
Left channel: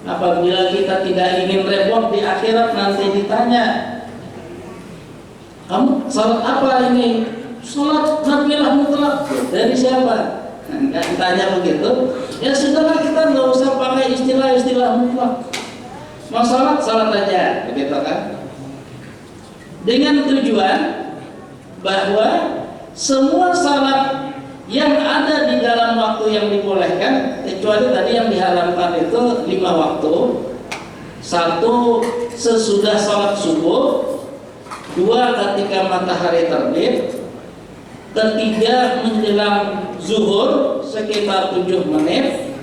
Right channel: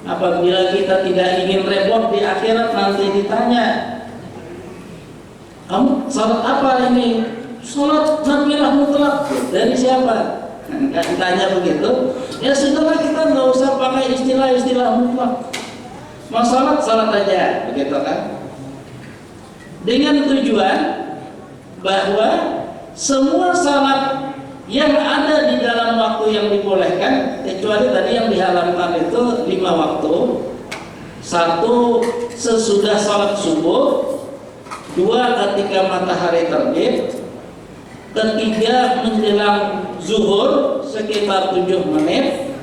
apabila kita tidak ingin repot di akhirat nanti ditanya, kamu salat apa ini? Salat nafilah mutlak. Dari siapa? Nah, ditanya begitu, ya sudahlah, kita nggak usah pakai istilah-istilah mutlak. Mau salat, salat aja, begitu kan? Dengan tujuan bahwa semua salat yang ada di dalam waktu yang dibolehkan, kecuali tadi yang diharamkan itu 5 waktu. 1 sesudah salat subuh, 2 ketika matahari terbit, 3 menjelang zuhur sekitar 7 menit,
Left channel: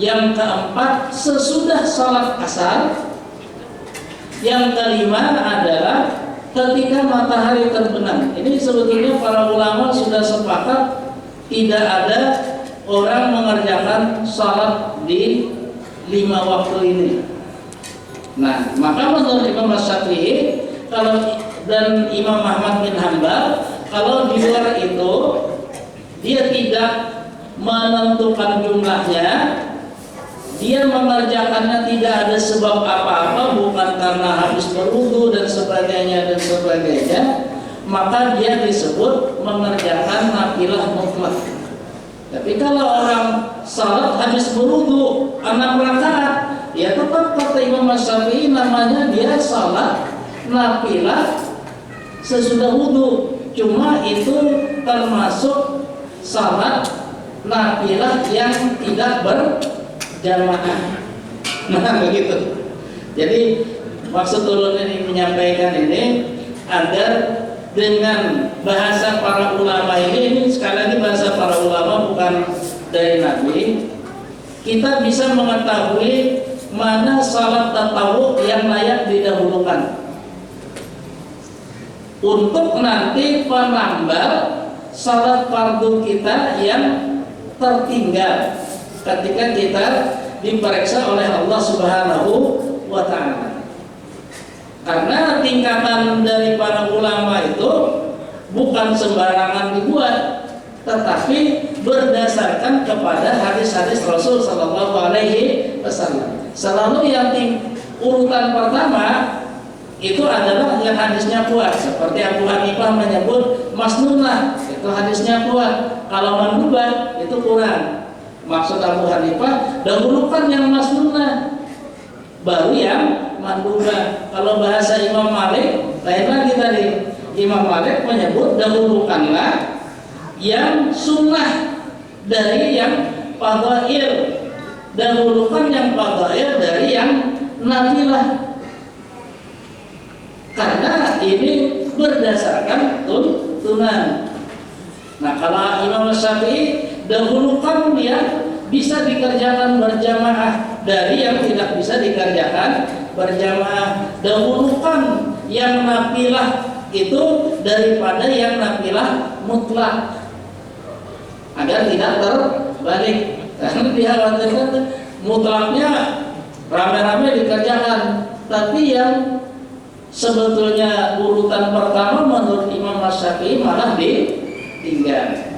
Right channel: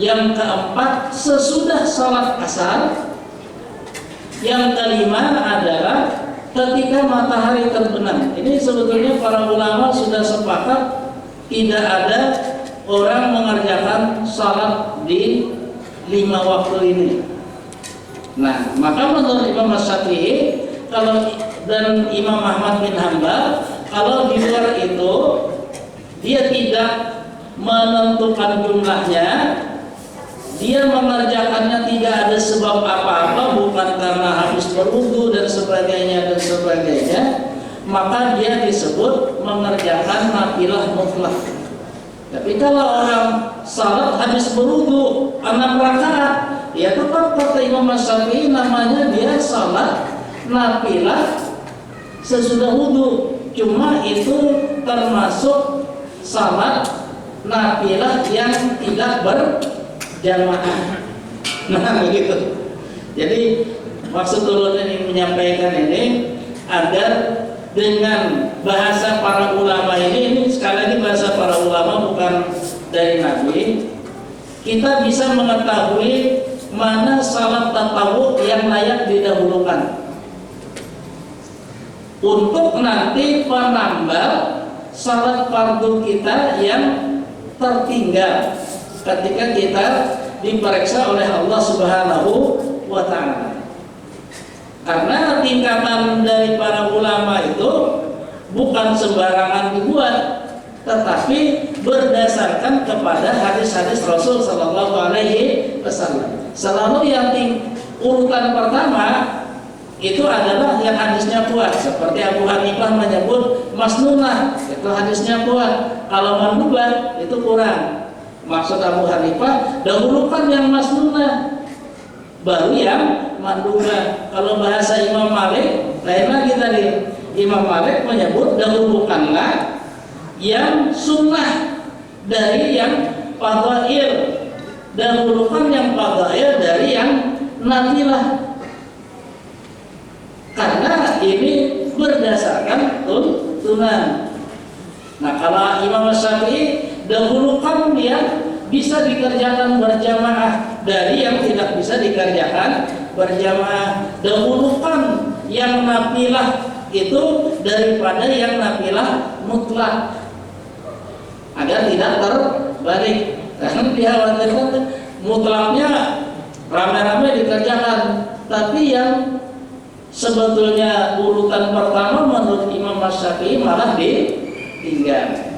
yang keempat sesudah salat asar, yang kelima adalah ketika matahari terbenam. Ini sebetulnya para ulama sudah sepakat tidak ada orang mengerjakan salat di 5 waktu ini. Nah, maka menurut Imam Syafi'i dan Imam Ahmad bin Hanbal, kalau di luar itu dia tidak menentukan jumlahnya, dia mengerjakannya tidak ada sebab apa-apa, bukan karena habis berwudu dan sebagainya, maka dia disebut mengerjakan nafilah mutlak. Tapi kalau orang salat habis berwudu 6 rakaat, ya tetap kata Imam Syafi'i namanya dia salat nafilah sesudah wudu. Cuma itu termasuk salat nafilah yang tidak berjamaah. Nah begitu. Jadi maksud ulun ini menyampaikan ini agar dengan bahasa para ulama ini sekali lagi bahasa para ulama bukan dari Nabi, kita bisa mengetahui mana salat tatawwu yang layak didahulukan untuk nanti penambal salat fardu kita yang tertinggal ketika kita diperiksa oleh Allah Subhanahu wa ta'ala. Karena tingkatan dari para ulama itu bukan sembarangan dibuat, tetapi berdasarkan kepada hadis-hadis Rasul Sallallahu Alaihi Wasallam. Selalu yang urutan pertama itu adalah yang hadisnya kuat. Seperti Abu Hanifah menyebut masnunah, itu hadisnya kuat. Kalau mandubah itu kurang. Maksud Abu Hanifah, dahulukan yang masnunah, baru yang mandubah. Kalau bahasa Imam Malik lain lagi tadi. Imam Malik menyebut dahulukanlah yang sunnah dari yang fadhail, dahulukan yang fadhail dari yang nafilah. Karena ini berdasarkan tuntunan. Nah, kalau Imam Syafi'i dahulukan yang bisa dikerjakan berjamaah dari yang tidak bisa dikerjakan berjamaah. Dahulukan yang nafilah itu daripada yang nafilah mutlak, agar tidak terbalik. Karena dikhawatirkan mutlaknya rame-rame dikerjakan, tapi yang sebetulnya urutan pertama menurut Imam Syafi'i malah ditinggal.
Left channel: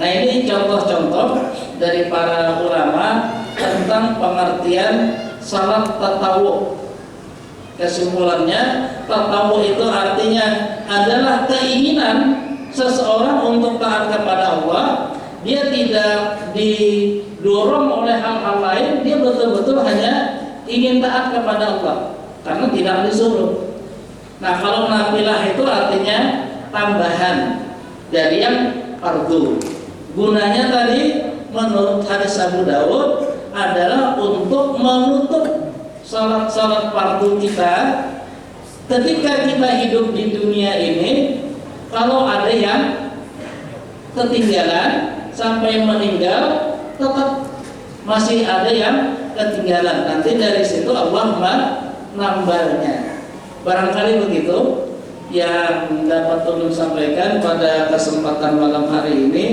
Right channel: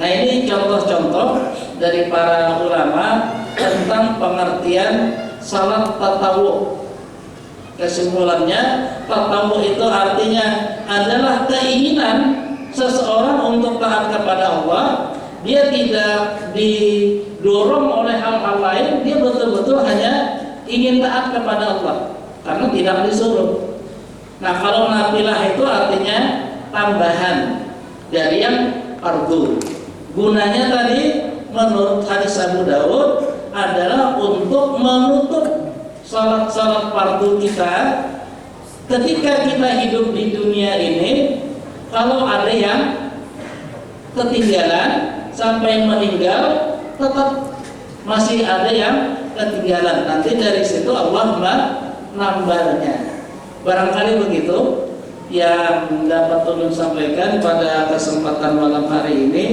Nah, ini contoh-contoh dari para ulama tentang pengertian salat tatawu. Kesimpulannya, tatawu itu artinya adalah keinginan seseorang untuk taat kepada Allah. Dia tidak didorong oleh hal-hal lain, dia betul-betul hanya ingin taat kepada Allah karena tidak disuruh. Nah, kalau nafilah itu artinya tambahan dari yang fardu. Gunanya tadi menurut hadis Abu Dawud adalah untuk menutup salat-salat fardu kita. Ketika kita hidup di dunia ini, kalau ada yang ketinggalan sampai meninggal, tetap masih ada yang ketinggalan. Nanti dari situ Allah menambahnya. Barangkali begitu yang dapat ulun sampaikan pada kesempatan malam hari ini.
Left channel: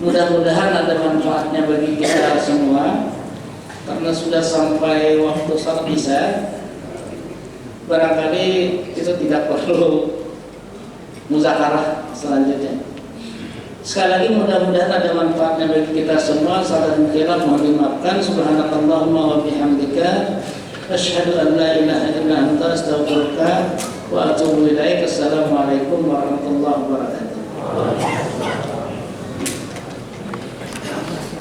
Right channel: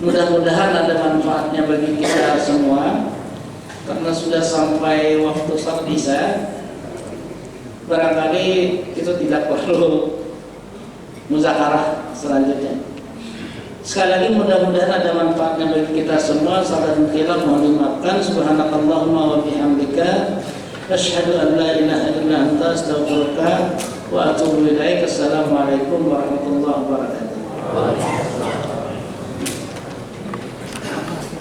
Mudah-mudahan ada manfaatnya bagi kita semua. Karena sudah sampai waktu salat isya, barangkali itu tidak perlu muzakarah selanjutnya. Sekali lagi mudah-mudahan ada manfaatnya bagi kita semua. Salah dan khilaf mohon dimaafkan. Subhanakallahumma wa bihamdika asyhadu an la ilaha illa anta astaghfiruka wa atubu ilaik. Assalamualaikum warahmatullahi wabarakatuh.